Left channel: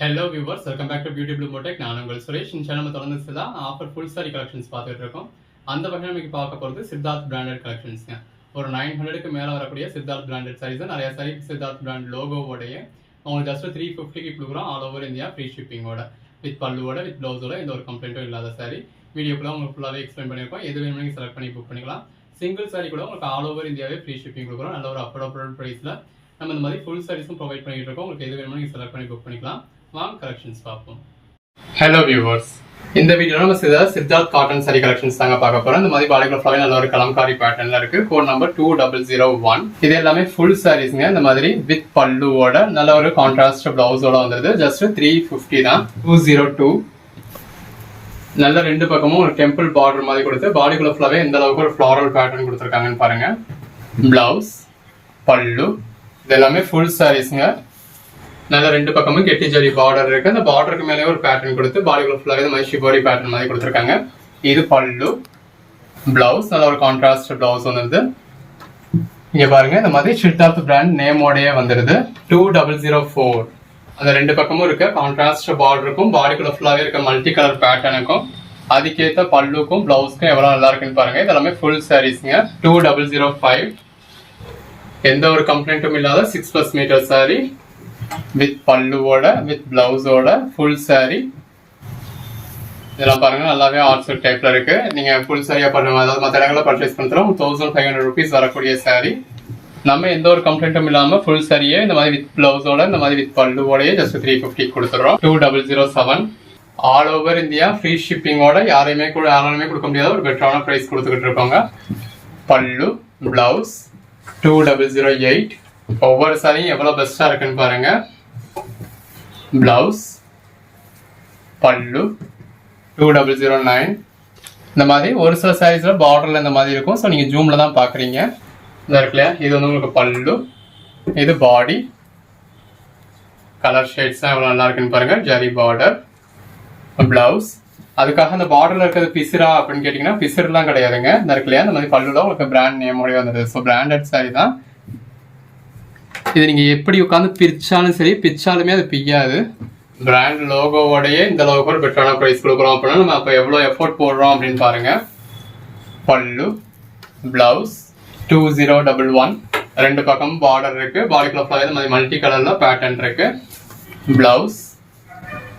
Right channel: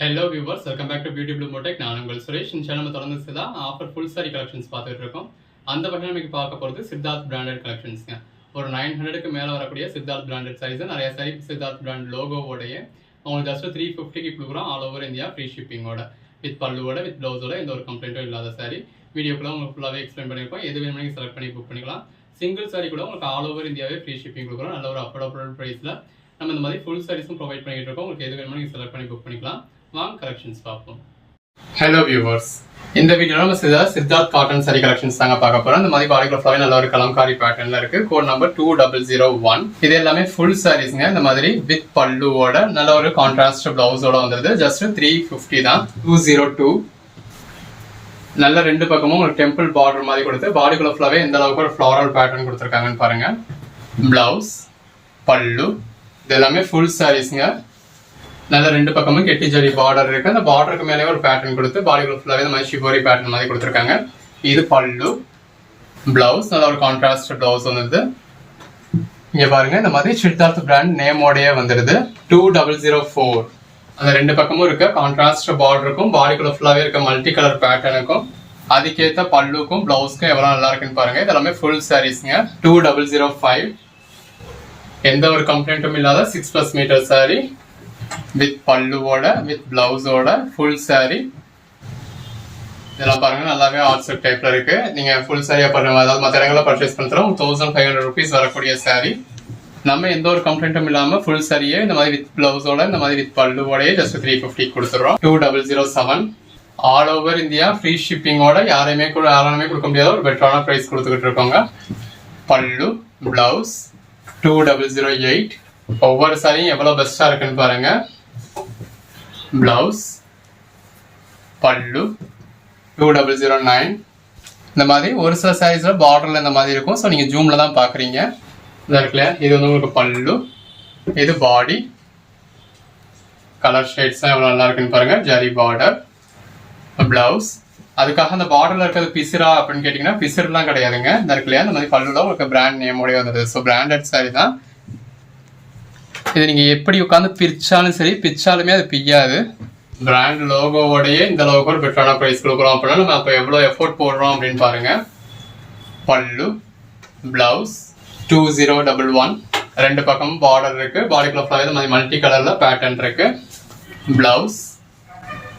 Hello viewers, welcome back to beauty blue Modek. நான் உங்கள் சுரேஷ். இந்த சேனல் தொடர்ந்து தான் ஆஃபர் ஃபுல் சாரி கலெக்ஷன்ஸ் பார்த்துட்டு இருக்கோம். அந்த வகையில் நமக்கு பார்க்க போகிறது சித்தார்த் பிராண்டட் கலெக்ஷன்ஸ்ங்க. ஒரு 900க்கு மேலே வரக்கூடிய சித்தார்த் பிராண்டட் சாரீஸ். நிறைய சாரி சித்தார்த் பிராண்ட் லோகோவோடைய உங்களுக்கு ஜஸ்ட் 350க்கு கொடுக்குறோம். ஆல் ஓவர் இந்தியா ஃப்ரீ ஷிப்பிங்கோட, வித் பல்லுவோட, வித் ப்ளவுஸோட, எந்த ஒரு கம்ப்ளைண்ட்டும் இல்லாத சாரி. வீடியோக்குள்ள உங்களுக்கு ஃபுல்லாகவே எக்ஸ்பிளைன் பண்ணியிருக்கோம். எது வேணும்னு நீங்கள் செலக்ட் பண்ணி புக் பண்ணிக்கலாம். சிங்கிள் சாரி கூட உங்களுக்கு ஆல் ஓவர் இந்தியாவே ஃப்ரீ ஷிப்பிங் கொடுக்குறோம். நல்ல ஒரு அஃபோர்டபுள் ப்ரைஸில் நம்ம இந்த மாதிரி ஃபுல் சாரீஸும் ப்ரொவைட் பண்ணிட்டு இருக்கோம். உங்களுக்கு எது வேணுமோ நீங்கள் செலக்ட் பண்ணி புக் பண்ணிக்கலாம். வாங்க கலெக்ஷன்ஸ் பார்ப்போம். ஹலோ வியூவர்ஸ், இந்த வீடியோல நம்ம சித்தார்த் காட்டன் சாரி கலெக்ஷன்ஸ் தாங்க பார்க்க போறோம். இந்த மாதிரி பாடிக்குள்ள ஃபுல்லாவே நல்ல ஒரு கலம்காரி பேட்டர்ன்ல இருக்கு. Code number 2001. இது எல்லாமே ஃபுல் சாரீஸ்ங்க. இந்த மாதிரி வித் பல்லுவோட நல்ல ஒரு கான்ட்ராஸ்ட் பிளவுஸோட வந்துருது. ஜஸ்ட் 350 தான். 202. நல்ல ரெண்டு பக்கமும் ஒரு டெம்பிள் பார்டர் மாதிரி கொடுத்து பாடிக்குள்ள ஃபுல்லாவே எந்த அளவுக்கு ஒரு ஃப்ளாரல் பேட்டர்ன் கொடுத்துருக்காங்கன்னு பாருங்க. பிளவுஸ், பல்லு, இது எல்லாமே ஃபுல் சாரீஸ்ங்க. நல்ல ரெண்டு பக்கமும் கெட்டி ஜரி பார்டர் இருக்கு. அந்த பார்டருக்கு மேலே ஒரு பேட்டர்ன் கொடுத்து பாடிக்குள்ள ஃபுல்லாவே இந்த மாதிரி ஷிபோரி பேட்டர்ன் மாதிரி கொடுத்துருக்காங்க. இது பல்லு, பிளவுஸ், நல்ல ஒரு கான்ட்ராஸ்ட் பிளவுஸ் வந்துருது. இங்க பாருங்க, இந்த மாதிரி சித்தார்த் பிராண்ட் நேமோடயே வந்துருது. 2004. அந்த ரெண்டு பக்கமும் இருக்க கான்ட்ராஸ்ட் பார்டருக்கும் பாடிக்குள்ள ஃபுல்லாவே இருக்க மல்டி கலர் பேட்டர்னுக்கும் அதுக்கேற்ற பல்லுக்கும் பிளவுஸ்க்கும் எவ்வளவு நல்லா இருக்குன்னு பாருங்க. இதெல்லாமே ஃபுல் சாரீஸ்ங்க. 2005. எந்த ஒரு கம்ப்ளைண்ட்டும் இல்லாத 6+ மீட்டர் சாரி வித் பல்லுவோட, வித் பிளவுஸோட ஃபுல் சாரி. இதெல்லாம் பாருங்க, நல்லாவே ஆர்ட்ஸ் டைப்ல இருக்கு. நீங்க ஃபுல் சாரியா பண்ணுங்க, அதாவது மற்ற இடங்களில் பர்ச்சேஸ் பண்ணுறோம் 1500 rupees வரக்கூடிய சாரி. நம்ம எந்த ஒரு கம்ப்ளைண்ட்டும் இல்லாம ஃபுல் சாரியே இந்த மாதிரி வித் பிளவுஸோட, இந்த மாதிரி வித் பல்லுவோடய ஜஸ்ட் 350 கொடுத்துறோம். 2007. ஆல் ஓவர் இந்தியா ஃப்ரீ ஷிப்பிங்கோட யாரையுமே கொடுக்க முடியாத ஒரு பெட்டரான பிரைஸ் கொடுத்துக்கிட்டு இருக்கோங்க. பல்லு, பிளவுஸ். 2008. ஒவ்வொரு சாரியும் எவ்வளவு பெஸ்டா இருக்குன்னு பாருங்க. பிளவுஸ், பல்லு. 2009. இந்த மாதிரி ஒரு சில சாரீஸ்ல பார்டர்ல இந்த மாதிரி இருக்கும். ஸோ நீங்க ஜூம்ல தான் பாக்குறீங்க. இந்த இருக்குல்ல, இது வந்து உங்களுக்கு பல்லு, இது பாடி. கலர் ஷேட்ஸ் எவ்வளவு நல்லா இருக்குன்னு பாருங்க. Zari border, blouse. அதுக்காக அந்த பார்டர்ல இருக்கிறது பிசிரா அப்படின்னு கேட்டீங்கன்னா பிசிர்லாம் கிடையாதுங்க. இந்த இருக்குல்லையா, இந்த மாதிரி பல்லுல உங்களுக்கு பிராண்ட் நேமோடய வந்தது. ஸோ பிராண்டட் சாரி தான் இது. நீங்க எப்படி உட்காந்து பிரிச்சாலும் சரி, பிச்சாலுமே அது பிய்யாது. பிராண்ட் லோகோவோடய இந்த அளவுக்கு ஒரு பெட்டரான பிரைஸ் கொடுக்குறோம் அப்படின்னா நம்ம அப்போ எவ்வளோ எஃபோர்ட் போடுறோம் அப்படின்னு பாருங்க. பல்லு, பிளவுஸ். 2011. ரெண்டு பக்கமும் பார்டர் இருக்கு. பாடிக்குள்ள ஃபுல்லாவே இந்த மாதிரி மல்டி கலர்ல பேட்டர்ன் இருக்கு. பிளவுஸ்,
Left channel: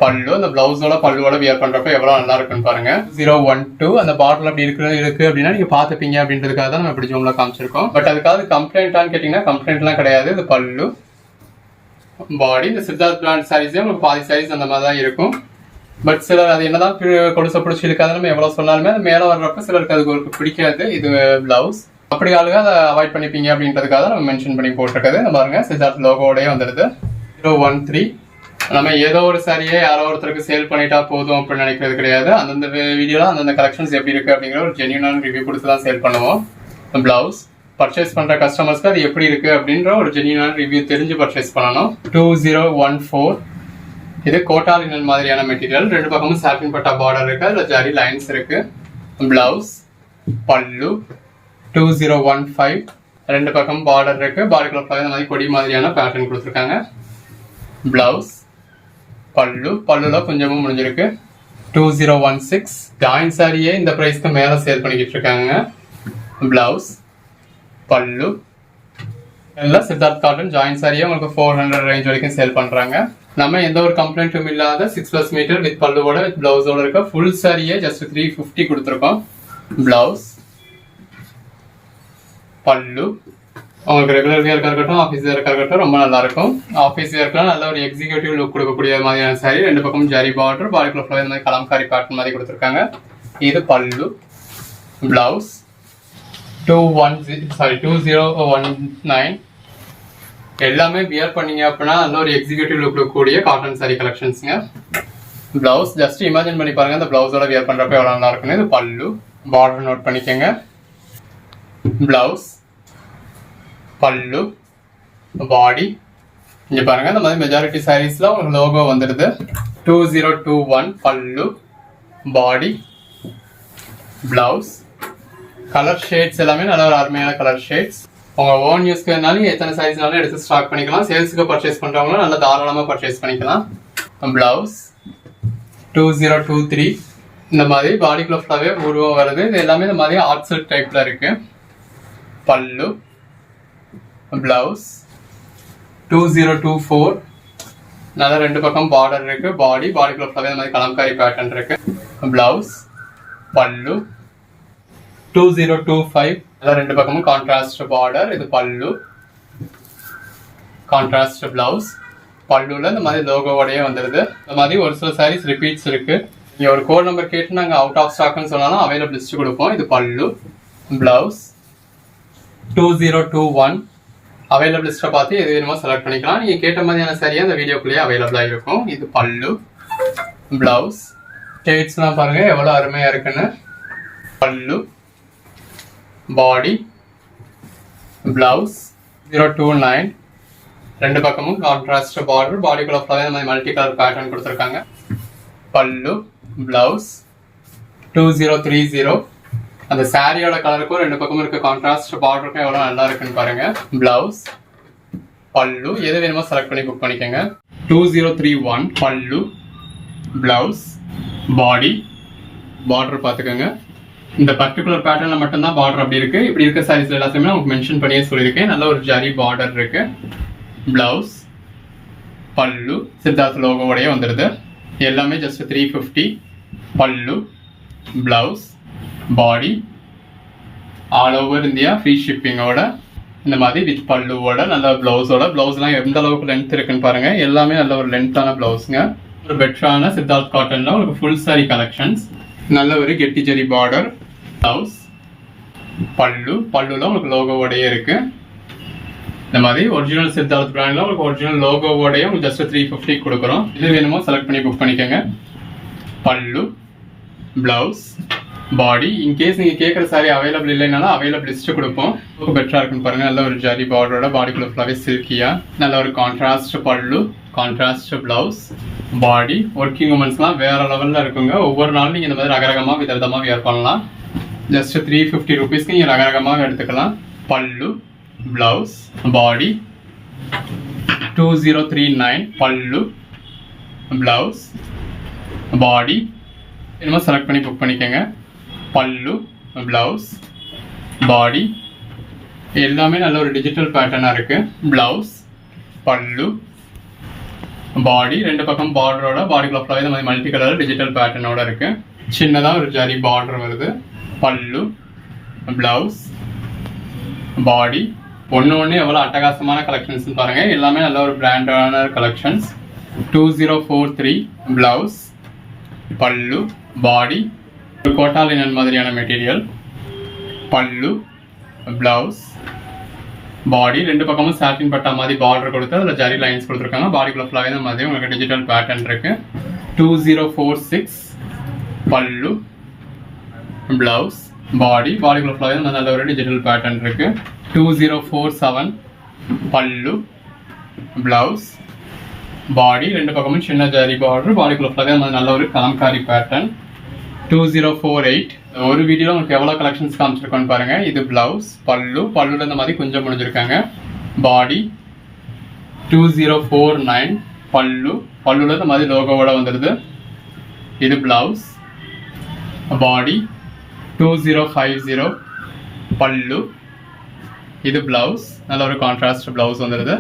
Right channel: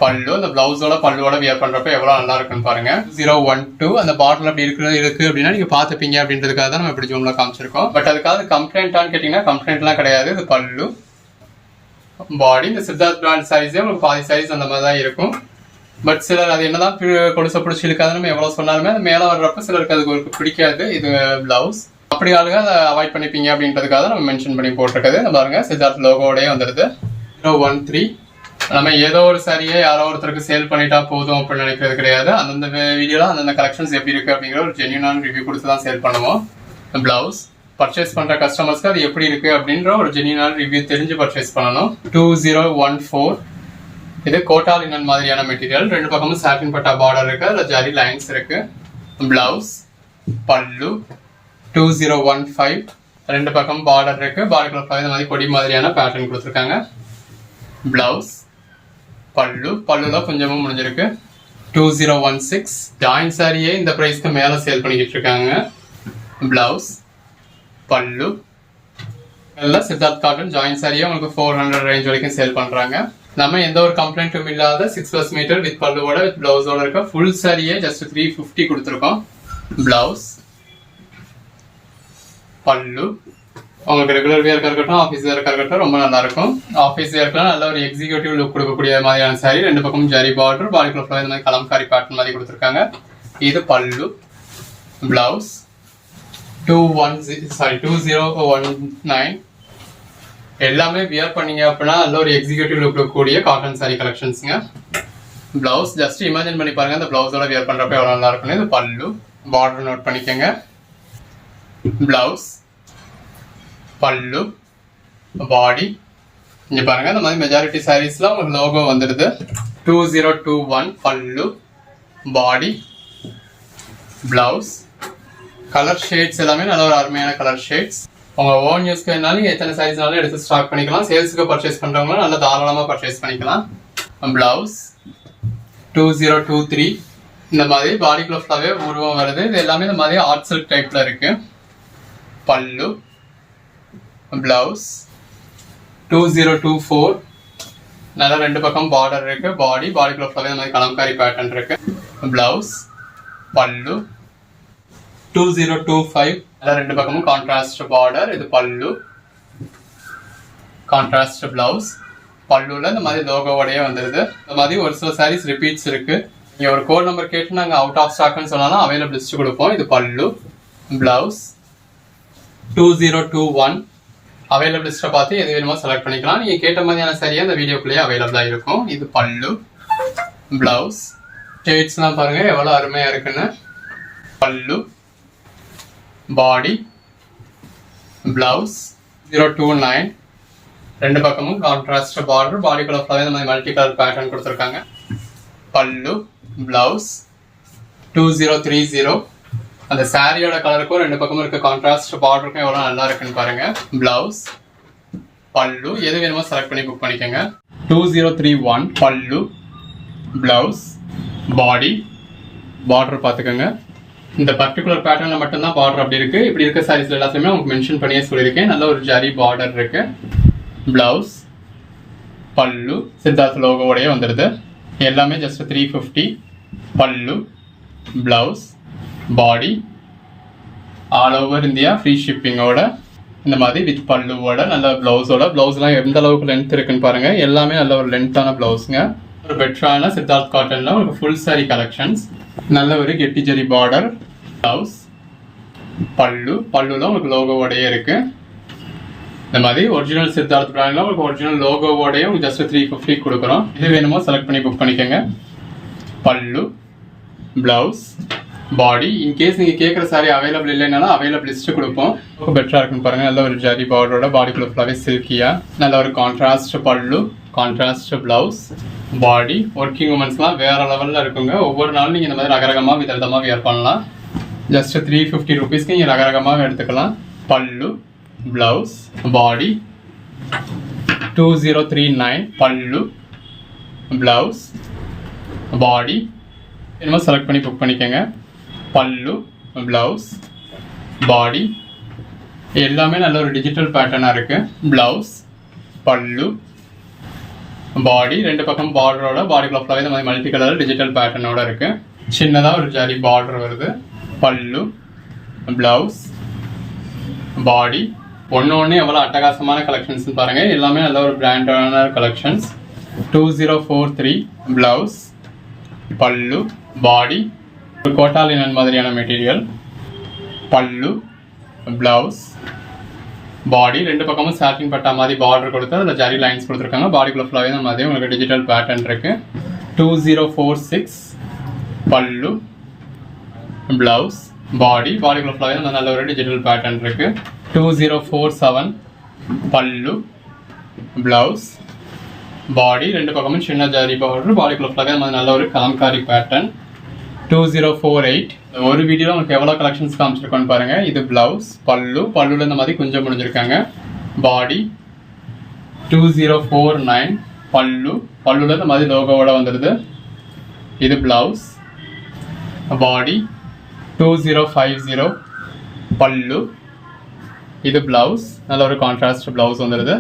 பல்லு. அந்த பிளவுஸோட பல்லுவோட வியர் பண்றப்ப எவ்வளவு நல்லா இருக்குன்னு பாருங்க. 012. அந்த பார்டர்ல அப்படி இருக்கு அப்படின்னா நீங்க பாத்துப்பீங்க அப்படின்றதுக்காக தான் நம்ம இப்படி ஜூம்ல காமிச்சிருக்கோம். பட் அதுக்காக கம்ப்ளைண்டான்னு கேட்டீங்கன்னா கம்ப்ளைண்ட்லாம் கிடையாது. இது பல்லு, பாடி. இந்த சித்தார்த் பிராண்ட் சாரீஸே உங்களுக்கு பாதி சாரீஸ் அந்த மாதிரி தான் இருக்கும். பட் சிலர் அது என்னதான் கொடுச பிடிச்சி இருக்காது, நம்ம எவ்வளவு சொன்னாலுமே அது மேல வர்றப்ப சிலருக்கு அதுக்கு பிடிக்காது. இது பிளவுஸ். அப்படி ஆளுங்க அதை அவாய்ட் பண்ணிப்பீங்க அப்படின்றதுக்காக நம்ம மென்ஷன் பண்ணி போட்டிருக்கிறது. இந்த பாருங்க, சித்தார்த் லோகோடய வந்துடுது. 013. நம்ம ஏதோ ஒரு சாரியை யாரோ ஒருத்தருக்கு சேல் பண்ணிட்டா போதும் அப்படின்னு நினைக்கிறது கிடையாது. அந்தந்த வீடியோல அந்தந்த கலெக்ஷன்ஸ் எப்படி இருக்கு அப்படிங்கிற ஒரு ஜென்யூனான ரிவ்யூ கொடுத்து தான் சேல் பண்ணுவோம். பிளவுஸ் பர்ச்சேஸ் பண்ற கஸ்டமர்ஸ்க்கு அது எப்படி இருக்கு அப்படின்ற ஒரு ஜென்யூனான ரிவ்யூ தெரிஞ்சு பர்ச்சேஸ் பண்ணணும். 2014. இது கோட்டா லினன் மாதிரியான மெட்டீரியல். ரெண்டு பக்கமும் சாட்டின் பட்டா பார்டர் இருக்கு. அதுல ஜரி லைன்ஸ் இருக்கு. பிளவுஸ், பல்லு. 2015. ரெண்டு பக்கம் பார்டர் இருக்கு. பார்டர் இந்த மாதிரி கொடி மாதிரியான பேட்டர்ன் கொடுத்துருக்காங்க. பிளவுஸ், பல்லு. பல்லுல கொஞ்சமும் முடிஞ்சிருக்கு. 2016. ஜாயின் சாரியே இந்த பிரைஸ்க்கு மேல சேல் பண்ணிக்கிட்டு இருக்காங்க. பிளவுஸ், பல்லு. எல்லாம் சித்தார்த் காட்டன் ஜாயின் சாரியே உங்களுக்கு 400 ரேஞ்ச் வரைக்கும் சேல் பண்றாங்க. நம்ம எந்த ஒரு கம்ப்ளைண்ட்டும் இல்லாத 6+ மீட்டர் வித் பல்லுவோட, வித் பிளவுஸோட இருக்க ஃபுல் சாரியே ஜஸ்ட் 350 கொடுத்துருக்கோம். பிளவுஸ், பல்லு. உங்களுக்கு ரெகுலர் வியர்க்கா இருக்கட்டும், ஆஃபீஸ் வியர்க்கா இருக்கட்டும், ரொம்ப நல்லா இருக்கும். ஆஃபீஸ் வியர்க்கெல்லாம் நல்ல ஒரு எக்ஸிக்யூட்டிவ் லுக் கொடுக்கக்கூடிய மாதிரியான சாரி. ரெண்டு பக்கமும் ஜரி பார்டர், பாடிக்குள்ள ஃபுல்லாக இந்த மாதிரி கலம்காரி பேட்டர்ன் மாதிரி கொடுத்துருக்காங்க. இது பல்லு, பிளவுஸ். 2019. எல்லாமே வியர் பண்ணீங்க அப்படின்னா நல்ல ஒரு எக்ஸிக்யூட்டிவ் லுக் கூடிய காட்டன் சாரி கலெக்ஷன்ஸ்ங்க. பிளவுஸ் ஜஸ்ட் இமேஜின் பண்ணி பாருங்க, இந்த பிளவுஸோட வியர் பண்றப்ப எவ்வளவு நல்லா இருக்குன்னு. இது பல்லு, பார்டர் நோட் பண்ணிக்கோங்க. பிளவுஸ், பல்லு, பாடி. இங்க பாருங்க, இந்த மாதிரி மெஜாரிட்டி சாரீஸ்ல உங்களுக்கு லோகோ வந்துடுது. 2021. பல்லு, பாடி, பிளவுஸ். கலர் ஷேட்ஸ் எல்லாமே நல்ல ஒரு அருமையான கலர் ஷேட்ஸ். உங்க ஓன் யூஸ்க்கு எத்தனை சைஸ்னாலும் எடுத்து ஸ்டாக் பண்ணிக்கலாம். சேல்ஸுக்கு பர்ச்சேஸ் பண்றவங்களும் நல்லா தாராளமா பர்ச்சேஸ் பண்ணிக்கலாம். பிளவுஸ் 2023 இந்த மாதிரி பாடிக்குள்ள ஃபுல்லாவே உருவம் வருது. இது எல்லாமே இந்த மாதிரி ஆர்ட் சில்க் டைப்ல இருக்கு. பல்லு பிளவுஸ் 2024 நல்ல ரெண்டு பக்கம் பார்டர் இருக்கு. பாடிக்குள்ள ஃபுல்லாவே இந்த மாதிரி கலம்காரி பேட்டர்ன் இருக்கு. பிளவுஸ் பல்லு 2025 நல்ல ரெண்டு பக்கமும் கான்ட்ராஸ்ட் பார்டர். இது பல்லு கான்ட்ராஸ்ட் பிளவுஸ். பல்லுல இந்த மாதிரி லோகோவோடயே வந்துடுது. இந்த மாதிரி ஒரு சில சாரீஸ் ரிப்பீட்ஸ் இருக்கு. நீங்க ஒரு கோட் நம்பர் கேட்டு நாங்க அவுட் ஆஃப் ஸ்டாக்னு சொன்னாலும் அவைலபிள் லிஸ்ட் கொடுப்போம். இது பல்லு பிளவுஸ் 2021 அவைலபிள் லிஸ்ட்டை பார்த்து எது வேணுமோ செலக்ட் பண்ணிக்கலாம். நீங்க கேட்ட மாதிரியான சரியா இந்த வீடியோக்குள்ளேயே அவைலபிளா இருக்கும். இது பல்லு பிளவுஸ். ஷேட்ஸ்லாம் பாருங்க எவ்வளவு அருமையா இருக்குன்னு. பல்லு பாடி பிளவுஸ் 029 ரெண்டு பக்கமும் கான்ட்ராஸ்ட் பார்டர். பாடிக்குள்ள ஃபுல்லாவே இந்த மாதிரி மல்டி கலர் பேட்டர்ன் கொடுத்துருக்காங்க. பல்லு பிளவுஸ் 2030 அந்த சாரியோட கலருக்கும் ரெண்டு பக்கமும் இருக்க கான்ட்ராஸ்ட் பார்டருக்கும் எவ்வளவு நல்லா இருக்குன்னு பாருங்க. பிளவுஸ் பல்லு எது வேணுமோ செலக்ட் பண்ணி புக் பண்ணிக்கோங்க. 2031 பல்லு பிளவுஸ் பாடி பார்டர் பார்த்துக்கோங்க. இந்த பர்டிகுலர் பேட்டர்ன்ல மட்டும்தான் பார்டர் அப்படி இருக்கு. இப்படி இருக்க சாரீஸ்ல எல்லாத்தையுமே உங்களுக்கு மென்ஷன் பண்ணியே சொல்லியிருக்கேன். நல்ல ஒரு ஜரி பார்டர் இருக்கு. பிளவுஸ் பல்லு சித்தார்த் லோகோவோடய வந்துடுது. எல்லாமே just 350. Pallu blouse body all over India free ஷிப்பிங்கோட இந்த மாதிரி வித் பல்லுவோட நல்ல பிளவுஸோட. பிளவுஸ்லாம் எந்த அளவுக்கு லென்த் இருக்குன்னு பாருங்க. எல்லாமே நல்ல ஒரு லென்த்தான பிளவுஸுங்க. ஒரு பெட்டரான சித்தார்த் காட்டன்ல ஒரு ஃபுல் சாரி கலெக்ஷன்ஸ். நல்ல ஒரு கெட்டி ஜரி பார்டர். பிளவுஸ் பல்லுல உங்களுக்கு லோகோவோடயே இருக்கு. இந்த மாதிரி ஒரிஜினல் சித்தார்த் பிராண்ட்ல உங்களுக்கு ஒரிஜினல் லோகோவோடய உங்களுக்கு ஜஸ்ட் 350 கொடுக்குறோம். இது வேணுமோ செலக்ட் பண்ணி புக் பண்ணிக்கோங்க. பல்லு பிளவுஸ் பாடி. இன்கேஸ் நீங்க கேட்குற சாரி அவைலபிள் இல்லைனாலும் அவைலபிள் லிஸ்ட் கொடுப்போம். ரொம்ப பெட்டரா இருக்குன்னு பாருங்க. நல்ல ஒரு ஜரி பார்டரோட பாடிக்குள்ள ஃபுல்லாவே சில்கியா நல்ல ஒரு கான்ட்ராஸ்ட் பல்லு கான்ட்ராஸ்ட் பிளவுஸ். பாடி ஒர்க்கிங் உமன்ஸ்லாம் வேற லெவல்ல இருக்குங்க. ஒவ்வொரு நாளும் நீங்க இந்த மாதிரி ரகரகமா விதவிதமா வியர் பண்ணலாம். ஜஸ்ட் 350 ருபீஸ்க்கு நீங்க ரகரகமாக எடுத்துக்கலாம். பல்லு பிளவுஸ் பாடி 2039 பல்லு பிளவுஸ் பாடி என்னமோ செலக்ட் பண்ணி புக் பண்ணிக்கோங்க. பல்லு பிளவுஸ் பாடி எல்லாமே நல்ல ஒரு டிஜிட்டல் பேட்டர்னா இருக்கு. பிளவுஸ் பல்லு பாடி ரெண்டு பக்கம் பார்டரோட பாடிக்குள்ள ஃபுல்லாவே இந்த மாதிரி மல்டி கலர் டிஜிட்டல் பேட்டர்னோட இருக்கு. சின்னதா ஒரு ஜரி பார்டர் வருது. பல்லு பிளவுஸ் பாடி ஒன்று எவ்வளோ அட்டகாசமான கலெக்ஷன்ஸ் பாருங்க. எல்லாமே நல்ல ஒரு பிராண்டான கலெக்ஷன்ஸ். 2043 பிளவுஸ் பல்லு பாடி ஒரு கோட்டாலினன் மாதிரியான மெட்டீரியல். பல்லு பிளவுஸ் பாடி ரெண்டு பக்கமும் சாட்டின் பட்டா மாதிரி பார்டர் கொடுத்து அதில் ஜரி லைன்ஸ் கொடுத்துருக்காங்க. பாடிக்குள்ள ஃபுல்லாகவே இந்த மாதிரி உங்களுக்கு டிஜிட்டல் பேட்டர்ன் இருக்கு. 2046 பல்லு பிளவுஸ் பாடிக்குள்ள ஃபுல்லாகவே நல்ல ஒரு டிஜிட்டல் பேட்டர்ன் இருக்கு. 2047 பல்லு பிளவுஸ் பாடி ரெண்டு பக்கமும் சின்ன ஜரி பார்டர். பாடிக்குள்ள ஃபுல்லாகவே நல்ல ஒரு கலம்காரி பேட்டர்ன். 2048 ஒரு வீடியோல உங்களுக்கு எவ்வளவு கலெக்ஷன்ஸ் காமிச்சிருக்கோன்னு பாருங்க. இது பிளவுஸ் பல்லுல இந்த மாதிரி கொஞ்சம் முடிஞ்சிருக்காங்க. பாடி 2049 பல்லுல இந்த மாதிரி லோகோவோட வந்துடுது. இது பிளவுஸ் பாடி 2050 பல்லு. இது பிளவுஸ் நல்ல ஒரு கான்ட்ராஸ்ட் பிளவுஸ் வந்துடுது.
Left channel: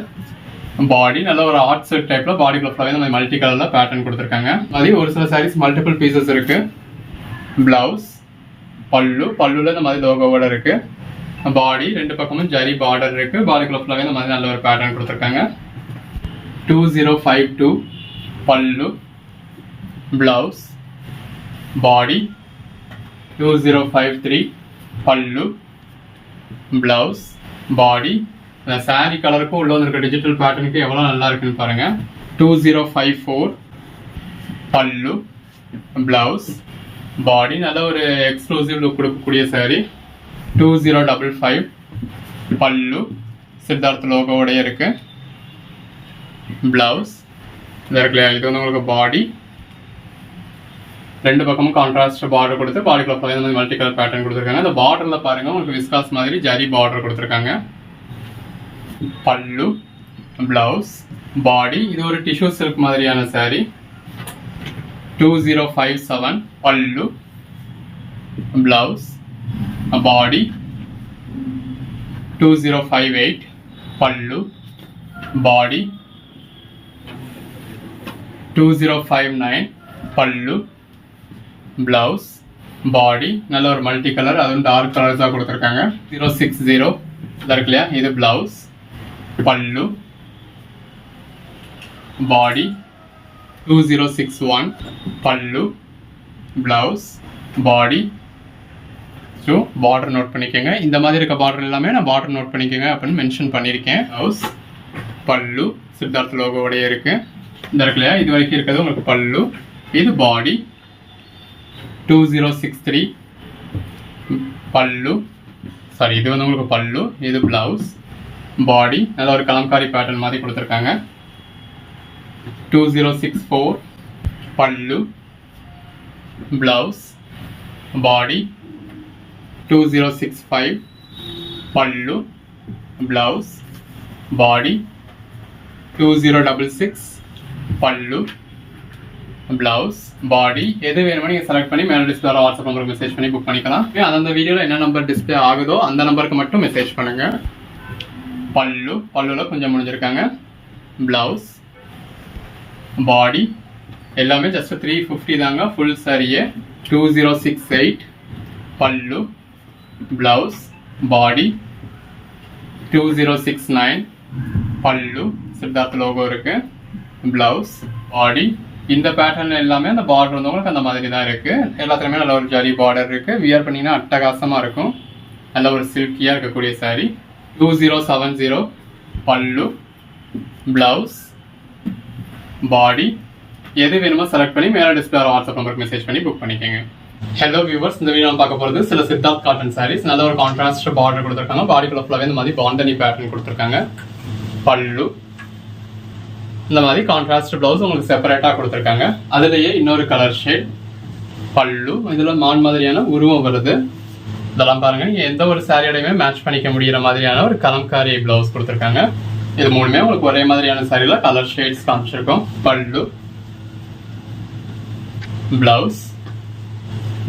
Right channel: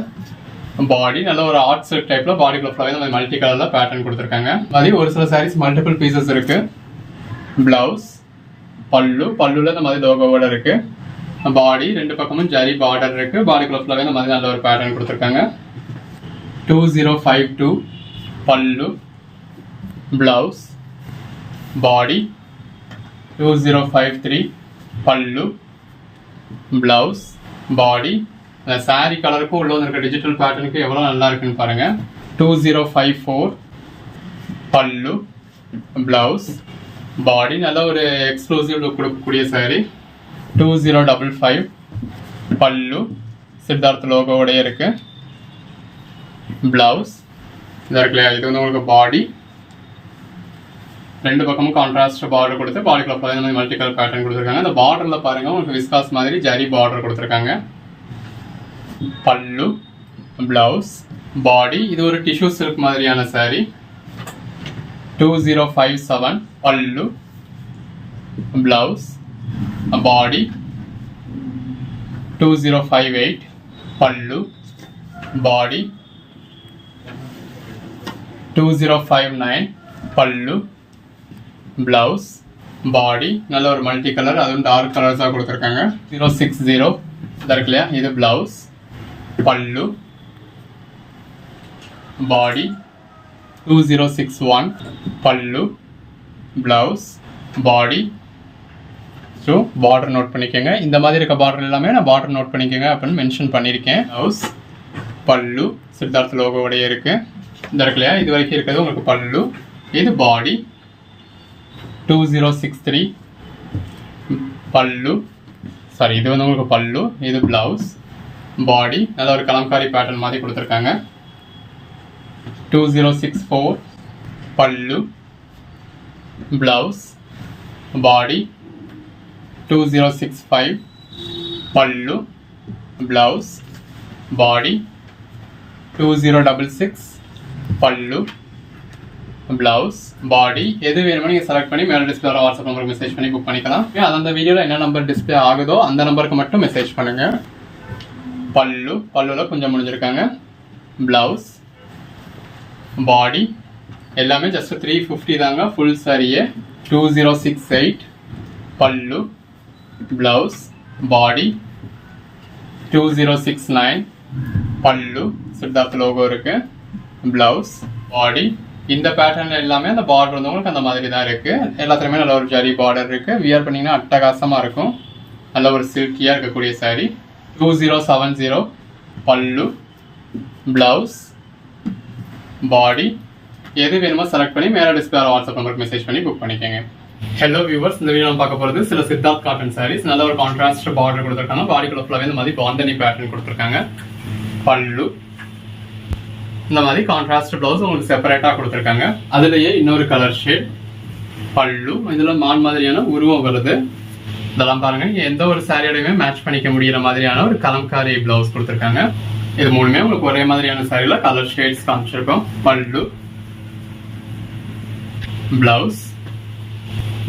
பாடி நல்ல ஒரு ஆர்ட் செட் டைப்ல பாடிக்குள்ள ஃபுல்லாவே இந்த மல்டி கலர்ல பேட்டர்ன் கொடுத்துருக்காங்க. அது ஒரு சில சாரீஸ் மல்டிபிள் பீசஸ் இருக்கு. பிளவுஸ் பல்லுல இந்த மாதிரி லோகோவோட இருக்கு. பாடி ரெண்டு பக்கமும் ஜரி பார்டர் இருக்கு. பாடிக்குள்ள ஃபுல்லாவே இந்த மாதிரி நல்ல ஒரு பேட்டர்ன் கொடுத்துருக்காங்க. 2052 பல்லு பிளவுஸ் பாடி 2053 பல்லு பிளவுஸ் பாடி. இந்த சாரி கலருக்கும் உள்ள இருக்க டிஜிட்டல் பேட்டர்னுக்கு எவ்வளோ நல்லா இருக்குன்னு பாருங்க. 2054 பல்லு பிளவுஸ் பாடி நல்ல ஒரு எக்ஸ்க்ளூசிவ் லுக் கொடுக்கக்கூடிய சாரி. 2055 பல்லு சித்தார்த் லோகோவோடய இருக்கு. பிளவுஸ் இது வந்து உங்களுக்கு பாடி ரெண்டு பக்கமும் கான்ட்ராஸ்ட் பார்டர் கொடுத்து பாடிக்குள்ள ஃபுல்லாக மல்டி கலர் பேட்டர்ன் கொடுத்துருக்காங்க. அந்த பார்டர்ல பாருங்க உங்களுக்கு விஸ்காஸ் மாதிரி ஜரி பார்டர் கொடுத்துருக்காங்க. பல்லு பிளவுஸ் பாடி இது ஒரு டிஷ்யூ சில்க் மாதிரியான sorry. 2057 pallu, blouse, body 2058 pallu, body 2059 pallu, blouse, body நல்ல ஒரு மல்டி கலர், அதுவும் டார்க் கலர்ஸா கொடுத்துருக்காங்க. 060 இருக்கு இல்லையா, இது பிளவுஸ், பல்லு, பாடி 2061 பல்லு, பிளவுஸ், பாடி. ஸோ பார்டர் நோட் பண்ணிக்கோங்க. இந்த மாதிரி இருக்க பார்டர் எல்லாமே நான் பார்டர் நோட் பண்ணிக்கோங்க அப்படின்னு மென்ஷன் பண்ணியிருக்கேன். பிளவுஸ், பல்லு சித்தார்த் லோகோவோடய இருக்கு. இந்த இருக்கு இல்லையா, இது வரைக்கும் இருக்கிறது உங்களுக்கு பல்லு. இது பாடி 2063 பல்லு, சாரி இது வந்து உங்களுக்கு பல்லு. இது பிளவுஸ், பாடி நல்ல ஒரு கலம்காரி பேட்டர்ன் மாதிரி கொடுத்துருக்காங்க. 2064 பல்லு, பிளவுஸ், பாடி 2065 பல்லு, பிளவுஸ், பாடி 2066 பல்லு, பிளவுஸ், பாடி. எது வேணுமோ நீங்கள் செலக்ட் பண்ணி மேலே டிஸ்பிளே வாட்ஸ்அப் நம்பருக்கு மெசேஜ் பண்ணி புக் பண்ணிக்கலாம். அந்த வீடியோவில் என்ன நம்பர் டிஸ்பிளே ஆகுதோ அந்த நம்பருக்கு மட்டும் மெசேஜ் பண்ணுங்க. பல்லு, பல்லுவில் கொஞ்சம் முடிஞ்சிருக்காங்க. பிளவுஸ், பாடி எல்லாமே ஜஸ்ட் 350 தாங்க. ஃபுல் சாரியே 2068 பல்லு, பிளவுஸ், பாடி 2069 பல்லு சித்தார்த் லோகோ இருக்கு, பிளவுஸ், பாடி. இந்த பேட்டர்ன் எல்லாமே அந்த பார்டர் வந்து உங்களுக்கு அந்த மாதிரி தான் இருக்கு. எல்லாத்துலயுமே நல்ல ஒரு ஜரி பார்டர் இருக்கு. வியர் பண்ணீங்கன்னா அட்டகாசமா இருக்கும். நல்ல ஒரு சில்கியா இருக்கக்கூடிய சாரி. 2070 பல்லு, பிளவுஸ், பாடி. எது வேணுமோ செலக்ட் பண்ணி மேலே டிஸ்பிளே வாட்ஸ்அப் நம்பருக்கு மெசேஜ் பண்ணி புக் பண்ணிக்கோங்க. ஹலோ வியூவர்ஸ், இந்த வீடியோ பார்க்க போகிறது சில சித்தார்த் காட்டன் சாரீஸ். நல்ல ஒரு கான்ட்ராஸ்ட் பார்டர் கொடுத்துருக்காங்க. பாடிக்குள்ள ஃபுல்லாகவே இந்த மாதிரி பாந்தனி பேட்டர்ன் கொடுத்துருக்காங்க. பல்லு இந்த மாதிரி கான்ட்ராஸ்ட் பிளவுஸ் உங்களுக்கு செப்பரேட்டாக கொடுத்துருக்காங்க. அதுலேயே இன்னொரு கலர் ஷேட் பல்லு. இதில் மான் மாதிரியான உருவம் வருது. இதெல்லாம் பாருங்க, எந்த ஒரு சாரியோடையுமே மேட்ச் பண்ணிக்க முடிகிற மாதிரியான ஒரு கலம்காரி பிளவுஸ் கொடுத்துருக்காங்க. இது மூணுமே உங்களுக்கு ஒரே மாதிரியான சாரியில கலர் ஷேட்ஸ் காமிச்சிருக்கோம். பல்லு, பிளவுஸ்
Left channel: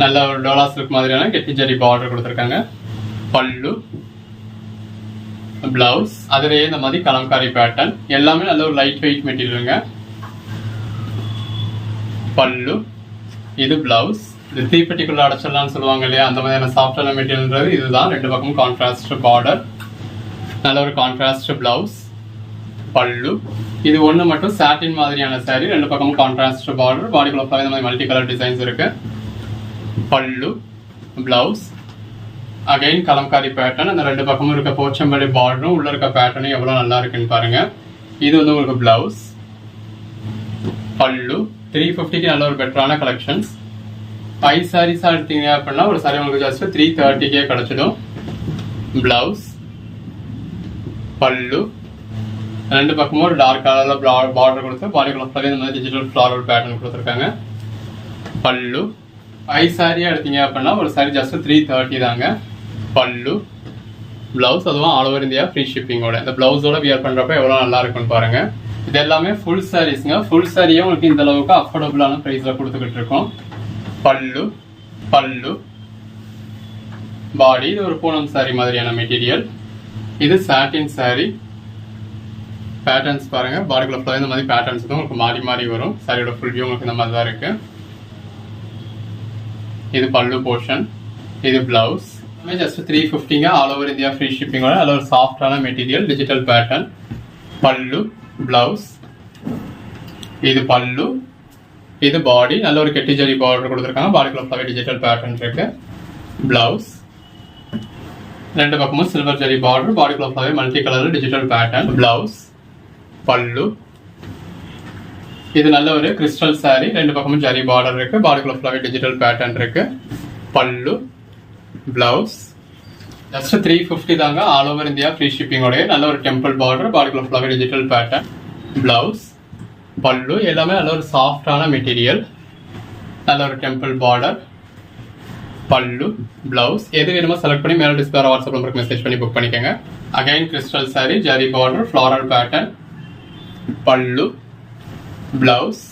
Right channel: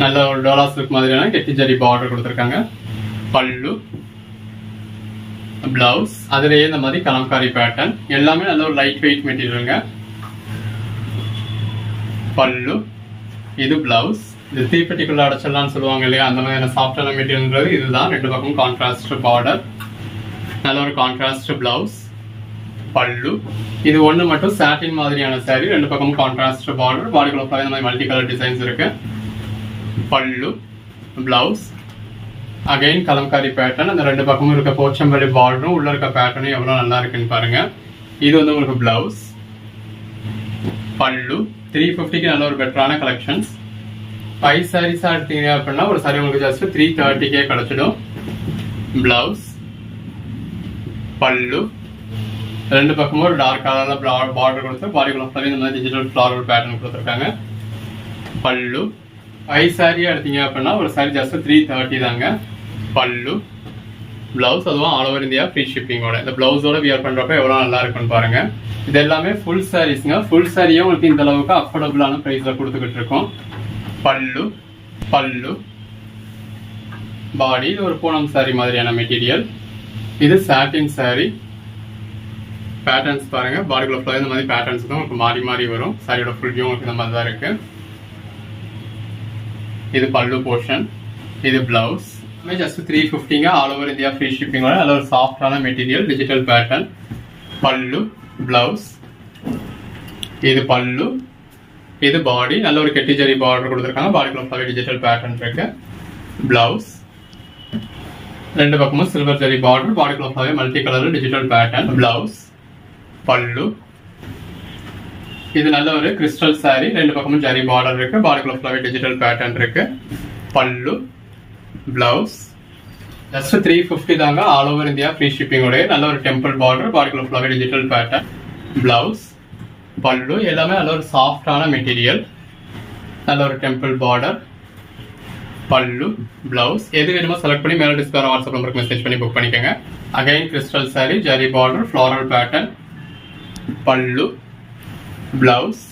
நல்ல ஒரு டோலா சில்க் மாதிரியான கெட்டி ஜரி பார்டர் கொடுத்துருக்காங்க. பல்லு, பிளவுஸ் அதுலேயே இந்த மாதிரி கலம்காரி பேட்டர்ன். எல்லாமே நல்ல ஒரு லைட் வெயிட் மெட்டீரியலுங்க. பல்லு, இது பிளவுஸ். இது தீப்பெட்டிக்குள்ள அடைச்சிடலாம்னு சொல்லுவாங்க இல்லையா, அந்த மாதிரியான சாஃப்டான மெட்டீரியல்ன்றது இதுதான். ரெண்டு பக்கமும் கான்ட்ராஸ்ட் பார்டர், நல்ல ஒரு கான்ட்ராஸ்ட் பிளவுஸ், பல்லு. இது ஒன்று மட்டும் சாட்டின் மாதிரியான சாரி. ரெண்டு பக்கமும் கான்ட்ராஸ்ட் பார்டர், பாடிக்குள்ள இந்த மாதிரி மல்டி கலர் டிசைன்ஸ் இருக்கு. பல்லு, பிளவுஸ், அகைன் கலம்காரி பேட்டர்ன். அந்த ரெண்டு பக்கமும் இருக்க போச்சம்பள்ளி பார்டரும் உள்ள இருக்க பேட்டர்னும் எவ்வளவு நல்லா இருக்குன்னு பாருங்க. இது வந்து உங்களுக்கு பிளவுஸ், பல்லு. 350க்கு நல்ல ஒரு பெட்டரான கலெக்ஷன்ஸ். 5 சாரீஸா எடுத்தீங்க அப்படின்னா ஒரு சாரி உங்களுக்கு ஜஸ்ட் 330கே கிடைச்சிடும். பிளவுஸ், பல்லு. ரெண்டு பக்கமும் ஒரு டார்க் கலர்ல பார்டர் கொடுத்து பாடிக்குள்ள இந்த மாதிரி டிஜிட்டல் ஃபிளாரல் பேட்டர்ன் கொடுத்துருக்காங்க. பல்லு. 5 சாரியா எடுத்தீங்க அப்படின்னா ஒரு சாரி ஜஸ்ட் 330 தாங்க. பல்லு, பிளவுஸ், அதுவும் ஆல் ஓவர் இந்தியா ஃப்ரீ ஷிப்பிங்கோட. இந்த பிளவுஸோட வியர் பண்றப்ப எவ்வளவு நல்லா இருக்குன்னு பாருங்க. இது எல்லாமே ஃபுல் சாரீஸ்ங்க. ஃபுல் சாரியும் உங்களுக்கு இந்த அளவுக்கு அஃபோர்டபுளான பிரைஸ்ல கொடுத்துக்கிட்டு இருக்கோம். பல்லு, பல்லு, பாடி. இது ஒரு பூனம் சாரி மாதிரியான மெட்டீரியல். இது சாட்டின் சாரி. பேட்டர்ன்ஸ் பாருங்க, பாடிக்குள்ள ஃபுல்லாக இந்த மாதிரி பேட்டர்ன்ஸ் தான் உங்களுக்கு மாறி மாறி வரும். சாரியோட ஃபுல் வியூ உங்களுக்கு இந்த மாதிரி தான் இருக்கு. இது பல்லு போர்ஷன், இது பிளவுஸ். ஜஸ்ட் 350ங்க. ஆல் ஓவர் இந்தியா ஃப்ரீ ஷிப்பிங்கோட நல்ல ஒரு சாஃப்டான material, digital pattern. Pallu, blouse, இது பல்லு, இது பாடி. நல்ல ஒரு கெட்டி ஜரி பார்டர் கொடுத்துருக்காங்க. பாடிக்குள்ள ஃபுல்லாகவே டிஜிட்டல் பேட்டர்ன் இருக்கு. பிளவுஸ், ரெண்டு பக்கமும் சில்வர் ஜரி பார்டர், பாடிக்குள்ள ஃபுல்லாகவே multi colour digital pattern. Blouse, பல்லு. இது நல்ல ஒரு கிறிஸ்டல் சாரி. ரெண்டு பக்கமும் ஜரி பார்டர் இருக்கு. பாடிக்குள்ள ஃபுல்லாவே டிஜிட்டல் பேட்டர்ன் இருக்கு. பல்லு, பிளவுஸ். ஜஸ்ட் 350 தாங்க. ஆல் ஓவர் இந்தியா ஃப்ரீ ஷிப்பிங்கோட நல்ல ஒரு டெம்பிள் பார்டர், பாடிக்குள்ள ஃபுல்லாவே டிஜிட்டல் பேட்டர்ன். பிளவுஸ், பல்லு. எல்லாமே நல்ல ஒரு சாஃப்டான மெட்டீரியல், நல்ல ஒரு டெம்பிள் பார்டர், பல்லு, பிளவுஸ். எது வேணுமோ செலக்ட் பண்ணி மேலே டிஸ்பிளே வாட்ஸ்அப் நம்பருக்கு மெசேஜ் பண்ணி புக் பண்ணிக்கோங்க. Again crystal sorry, zari border, floral pattern. Pallu, blouse,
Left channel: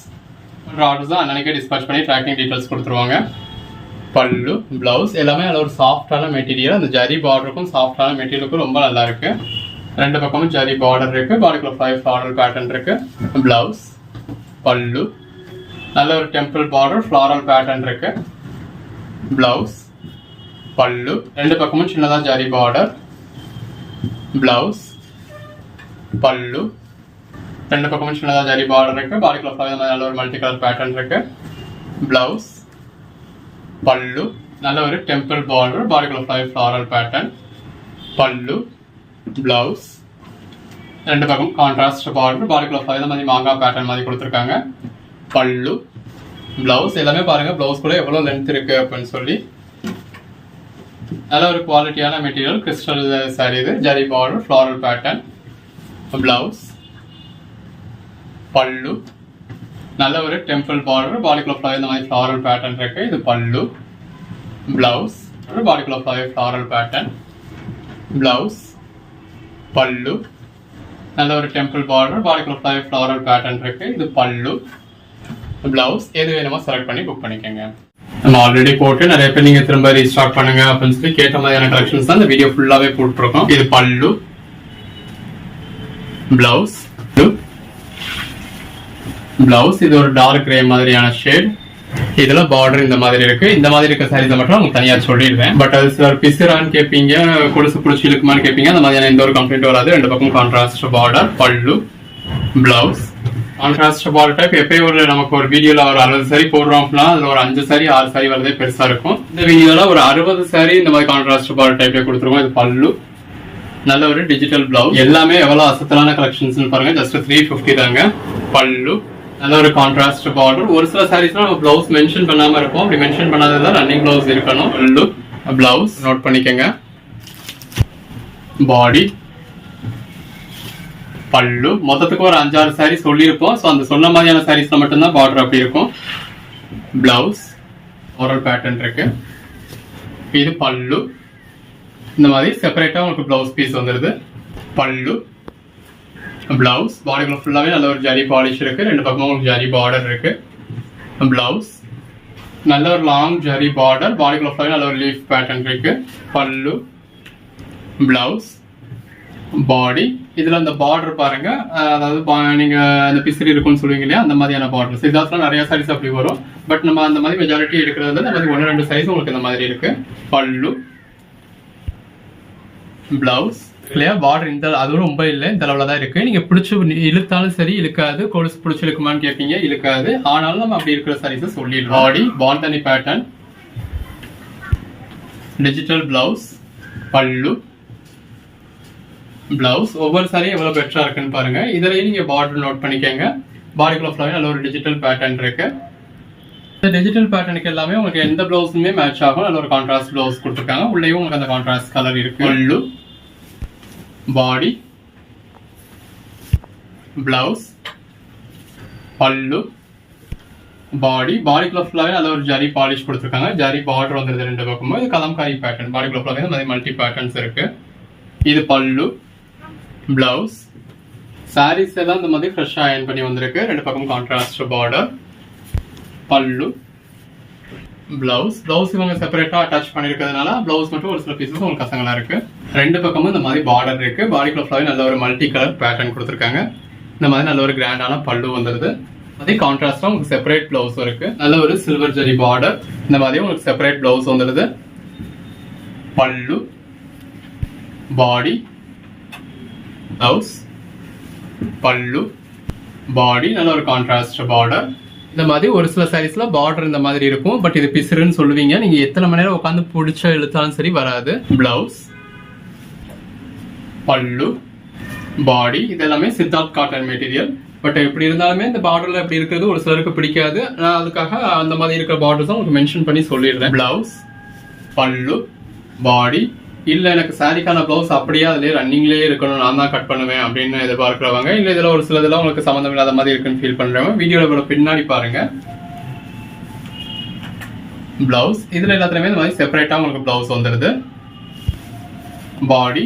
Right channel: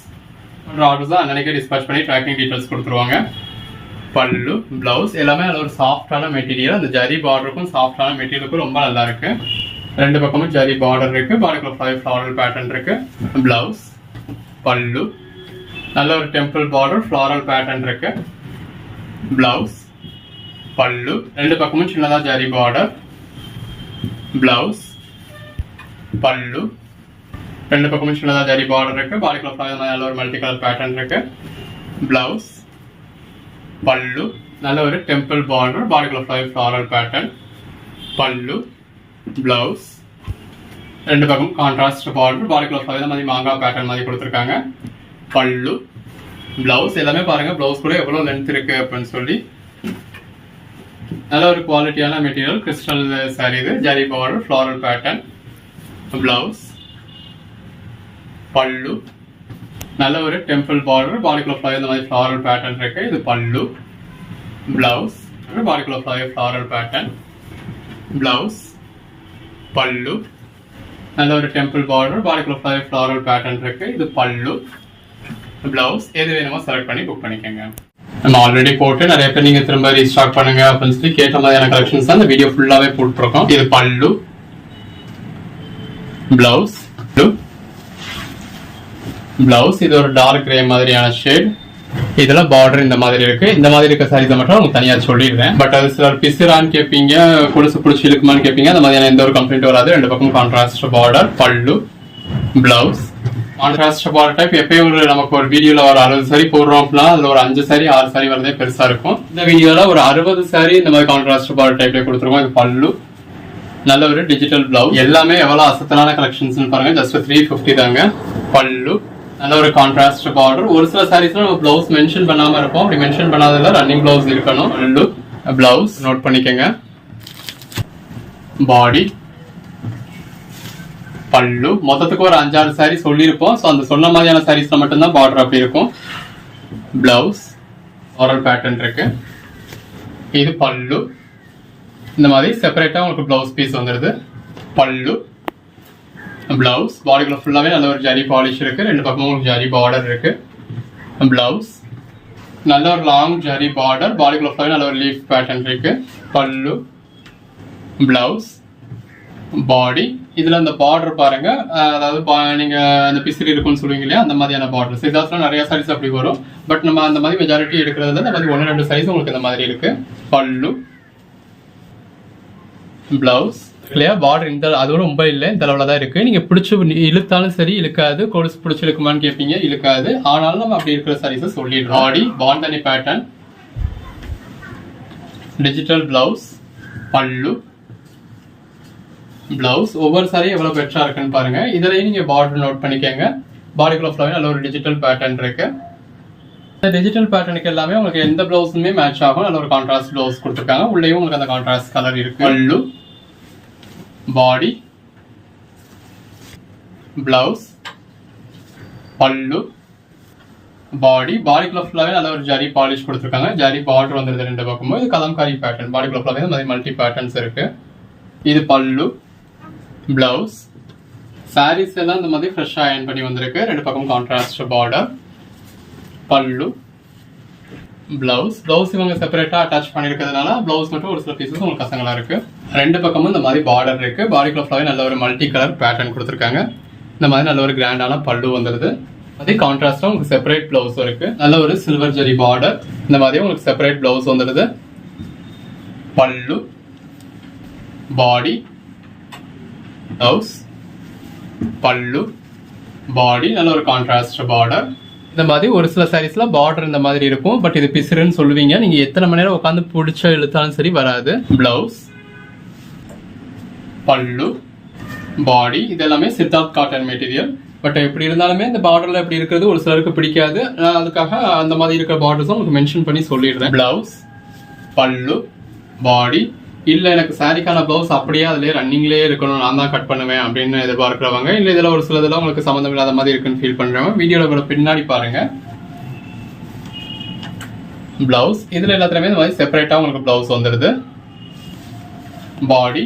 orders தான் அன்னைக்கே டிஸ்பேச் பண்ணி ட்ராக்கிங் டீடைல்ஸ் கொடுத்துருவாங்க. பல்லு, பிளவுஸ் எல்லாமே அதில் ஒரு சாஃப்டான மெட்டீரியல். அந்த ஜரி பார்டருக்கும் சாஃப்டான மெட்டீரியலுக்கும் ரொம்ப நல்லா இருக்கு. ரெண்டு பக்கமும் ஜரி பார்டர் இருக்கு. பாடிக்குள்ள ஃப்ளாரல் பேட்டர்ன் இருக்கு. பிளவுஸ், பல்லு, நல்ல ஒரு டெம்பிள் பார்டர் ஃப்ளாரல் பேட்டர்ன் இருக்கு. பிளவுஸ், பல்லு, ரெண்டு பக்கமும் சின்னதா ஜரி பார்டர். பிளவுஸ், பல்லு, ரெண்டு பக்கமும் சின்னதா ஜரி பார்டர் இருக்கு. பாடிக்குள்ள நல்ல ஒரு மல்டி கலர் பேட்டர்ன் இருக்கு. பிளவுஸ், பல்லு, நல்ல ஒரு டெம்பிள் பார்டர். பாடிக்குள்ள ஃப்ளாரல் பேட்டர்ன். பல்லு, பிளவுஸ், ரெண்டு பக்கம் கான்ட்ராஸ்ட் பார்டர். பாடிக்குள்ள இந்த மாதிரி மாங்காய் பேட்டர்ன் மாதிரி கொடுத்துருக்காங்க. பல்லு, பிளவுஸ் எல்லாமே பாருங்க. பிளவுஸ் கூட எவ்வளவு லென்த் இருக்கு அப்படின்னு சொல்லி நல்ல ஒரு குவாலிட்டியான மெட்டீரியல். கிறிஸ்டல் சாரி இது. Zari border floral pattern. Blouse, pallu, நல்ல ஒரு டெம்பிள் பார்டர். பாடிக்குள்ள இந்த மாதிரி ஃப்ளாரல் பேட்டர்ன் இருக்கு. இது பல்லு. பிளவுஸ், பாடிக்குள்ள ஃப்ளாரல் பேட்டர்ன். பிளவுஸ், பல்லு, நல்ல ஒரு டெம்பிள் பார்டர். பாடிக்குள்ள ஃப்ளாரல் பேட்டர்ன் இருக்கு. இது பல்லு. பிளவுஸ் எது வேணுமோ செலக்ட் பண்ணி புக் பண்ணிக்கோங்க. நம்ம ஆல்ரெடி போட்டு நிறைய பேர் நீங்க திரும்ப ரீஸ்டாக் பண்ணுங்க அப்படின்னு சொல்லி கேட்ட மாதிரியான கலெக்ஷன்ஸ் தான் இந்த வீடியோ ஃபுல்லாவே போட்டுருக்கோம். இது பல்லு, பிளவுஸ், பிளவுஸ் இது ஒரு டார்க் கிரே மாதிரியான ஷேட். இதுல பார்டர் இந்த மாதிரி இருக்கு. இந்த மாதிரி இருக்க சாரீஸ் மட்டும் உங்களுக்கு தனியா சொல்லிடுறேன். பட் அது சிலர் பிசுரான்னு கேட்பீங்க, குடிசு புடிச்சு இழுக்குமான்னு கேட்பீங்க. அந்த மாதிரியான எந்த ஒரு கம்ப்ளைண்ட் வராது. ரெண்டு பக்கம் கான்ட்ராஸ்ட் பார்டர். பல்லு, பிளவுஸ், கான்ட்ராஸ்ட் பார்டர் டைப். எப்பயும் நமக்கு ஒரு வீடியோல ஒரு 60 சாரி போடுறோம் அப்படின்னா அதுல ஒரு 5 சாரி 6 சாரி வரதே பெருசா இருக்கும். இந்த வீடியோல ஒரு 60 சாரி இந்த மாதிரி கான்ட்ராஸ்ட் பார்டர் டைப்ல கொடுத்துருவோம். இது பல்லு, நல்ல ஒரு டிஜிட்டல் பிளவுஸ். எல்லாமே எவ்வளவு அசத்தலான கலெக்ஷன்ஸ் பாருங்க. ஜஸ்ட் 350 தாங்க. பல்லு, நல்ல ஒரு கான்ட்ராஸ்ட் பார்டர். ஒரு சில சாரீஸ்ல நம்ம பிளவுஸ் மென்ஷன் பண்ணாம இருப்போம். அப்படி மென்ஷன் பண்ணாததுல ரன்னிங் பிளவுஸ் இருக்கணும். பல்லு, பிளவுஸ் நோட் பண்ணிக்கங்க. பாடி, பல்லு, மொத்தத்துக்கு ஒரு 5-6 சாரி சொல்லியிருப்போம். ஸோ அந்த சொன்ன மாதிரியான சாரீஸ்ல மட்டும்தான் பார்டர் அப்படி இருக்கும். பிளவுஸ், ஃப்ளாரல் பேட்டர்ன் இருக்கு. இது பல்லு. இந்த மாதிரி செப்பரேட்டா உங்களுக்கு பிளவுஸ் பீஸ் வந்துருது. பல்லு, பிளவுஸ், பாடிக்குள்ள ஃபுல்லாவே நல்ல ஒரு ஜரி பாலிஷ் இருக்கு. ரெண்டு பக்கமும் உங்களுக்கு ஜரி பார்டர் இருக்கு. பிளவுஸ், நல்ல ஒரு லாங் ஜரி பார்டர். பாடிக்குள்ள ஃபுல்லாவே நல்ல ஒரு லீஃப் பேட்டர்ன் இருக்கு. பல்லு, பிளவுஸ், பாடி. இதுல இந்த பார்டர் பாருங்க. அதாவது நீங்க அந்த பிசிறி இருக்குன்னு சொல்லுவீங்க இல்லையா, அந்த மாதிரியான பார்டர். சிதாஸ்ல நிறைய சாரீஸ் அப்படி வரும். பட் நம்ம அந்த மாதிரி மெஜாரிட்டி எடுக்கிறது அந்த மாதிரி 1-2 சைஸ் உங்களுக்கு இந்த மாதிரி இருக்கு. பல்லு, பிளவுஸ் இல்லையா, பார்டர் இந்த அதுவும் ரொம்ப இல்லை, இந்த அளவுல தான் இருக்கு. நீங்க பிடிச்சி இழுத்தாலும் சரி இழுக்காது. கொலுசு பிடிச்சி இழுக்குமான்னு கேட்பீங்க, இழுக்காது. ஆனாலும் நம்ம அப்படி இருக்கிற சாரீஸ் சொல்லிடுறோம். பாடி, பாந்தனி பேட்டர்ன், டிஜிட்டல் பிளவுஸ், பல்லு, பிளவுஸ். ஒவ்வொரு சாரியும் எவ்வளவு பெட்டரா இருக்குன்னு பாருங்க. இதுலயும் நீங்க பார்டர் நோட் பண்ணிக்கங்க. பாடிக்குள்ள ஃபுல்லாவே நல்ல ஒரு டிஜிட்டல் பேட்டர்ன் இருக்கு. இந்த டிஜிட்டல் பேட்டர்னுக்கு எல்லாமே உங்களுக்கு எந்த பிளவுஸுமே மேட்ச் ஆகும். நல்ல ஒரு கான்ட்ராஸ்ட் பிளவுஸ் கொடுத்துருக்காங்க. உள்ளேயும் உங்களுக்கு அந்த கான்ட்ராஸ்ட் கலர் இருக்கு. பல்லு, பாடி, பிளவுஸ், பல்லு, பாடி. பாடிக்குள்ள ஃபுல்லாவே நல்ல ஒரு ஜரி பாலிஷ் கொடுத்துருக்காங்க. ஜரி பார்டர் வந்துருது ரெண்டு பக்கமும். இது கலம்காரி பேட்டர்ன். பாடிக்குள்ள ஃபுல்லாவே இந்த மாதிரி மல்டி பேட்டர்ன்ஸ் இருக்கு. இது பல்லு, பிளவுஸ். சாரீஸ் எல்லாம் இந்த மாதிரி ஃப்ரெஷ்ஷா அயர்ன் பண்ணி வந்திருக்கு. ரெண்டு பக்கம் கான்ட்ராஸ்ட் பார்டர். பல்லு, பிளவுஸ். பிளவுஸ் இவங்க செப்பரேட்டா அட்டாச் பண்ணிருக்கிறதுனால பிளவுஸ் மட்டும் ஒரு சில பீசஸ் உங்களுக்கு கசங்களா இருக்கு. ரெண்டு பக்கமும் இந்த மாதிரி பார்டர் இருக்கு. பாடிக்குள்ள ஃபுல்லாவே நல்ல ஒரு மல்டி கலர் பேட்டர்ன் கொடுத்துருக்காங்க. இந்த மாதிரி நல்ல ஒரு கிராண்டான பல்லு வந்துருது. அதே கான்ட்ராஸ்டா உங்களுக்கு செப்பரேட் பிளவுஸ் இருக்கு. நல்ல ஒரு சில்வர் ஜெரி பார்டர். இந்த மாதிரி உங்களுக்கு செப்பரேட் பிளவுஸ் வந்துருது. பல்லு, பாடி, பிளவுஸ், பல்லு, பாடி. நல்ல ஒரு கான்ட்ராஸ்ட் பார்டர். இந்த மாதிரி ஒரு சில சாரீஸ்ல பார்டர் இந்த மாதிரி இருக்கும். பட் இது பிசுறுன்னு சொல்லுவீங்க. நீங்க எத்தனை மணி நேரம் உட்காந்து பிடிச்சா இழுத்தாலும் சரி வராது. பிளவுஸ், பல்லு, பாடி. இது எல்லாமே சித்தார்த் காட்டன் மெட்டீரியல். பட் எப்படி இருந்தாலுமே இந்த பார்டர்ல எப்படி இருக்கிறது ஒரு சிலருக்கு பிடிக்காது. நான் அதுக்காக அந்த மாதிரி இருக்கிற பார்டர்ஸ் உங்களுக்கு மென்ஷன் பண்ணி சொல்லிடுறேன். பிளவுஸ், பல்லு, பாடி. இல்ல எனக்கு சாரிக்கான பிளவுஸ் அப்படியே அதுலயே ரன்னிங்லயே இருக்கணும், நான் தான் கட் பண்ணுவேன் அப்படின்னு எதிர்பார்க்கிறவங்க, இல்ல இதுல ஒரு சிலதெல்லாம் உங்களுக்கு சம்மந்தம் இல்லாத மாதிரி இருக்குன்னு ஃபீல் பண்றவங்க வீடியோட பின்னாடி பாருங்க. பிளவுஸ் இதுல எல்லாத்துலயுமே இந்த மாதிரி செப்பரேட்டா உங்களுக்கு பிளவுஸ் வந்துருது. பாடி,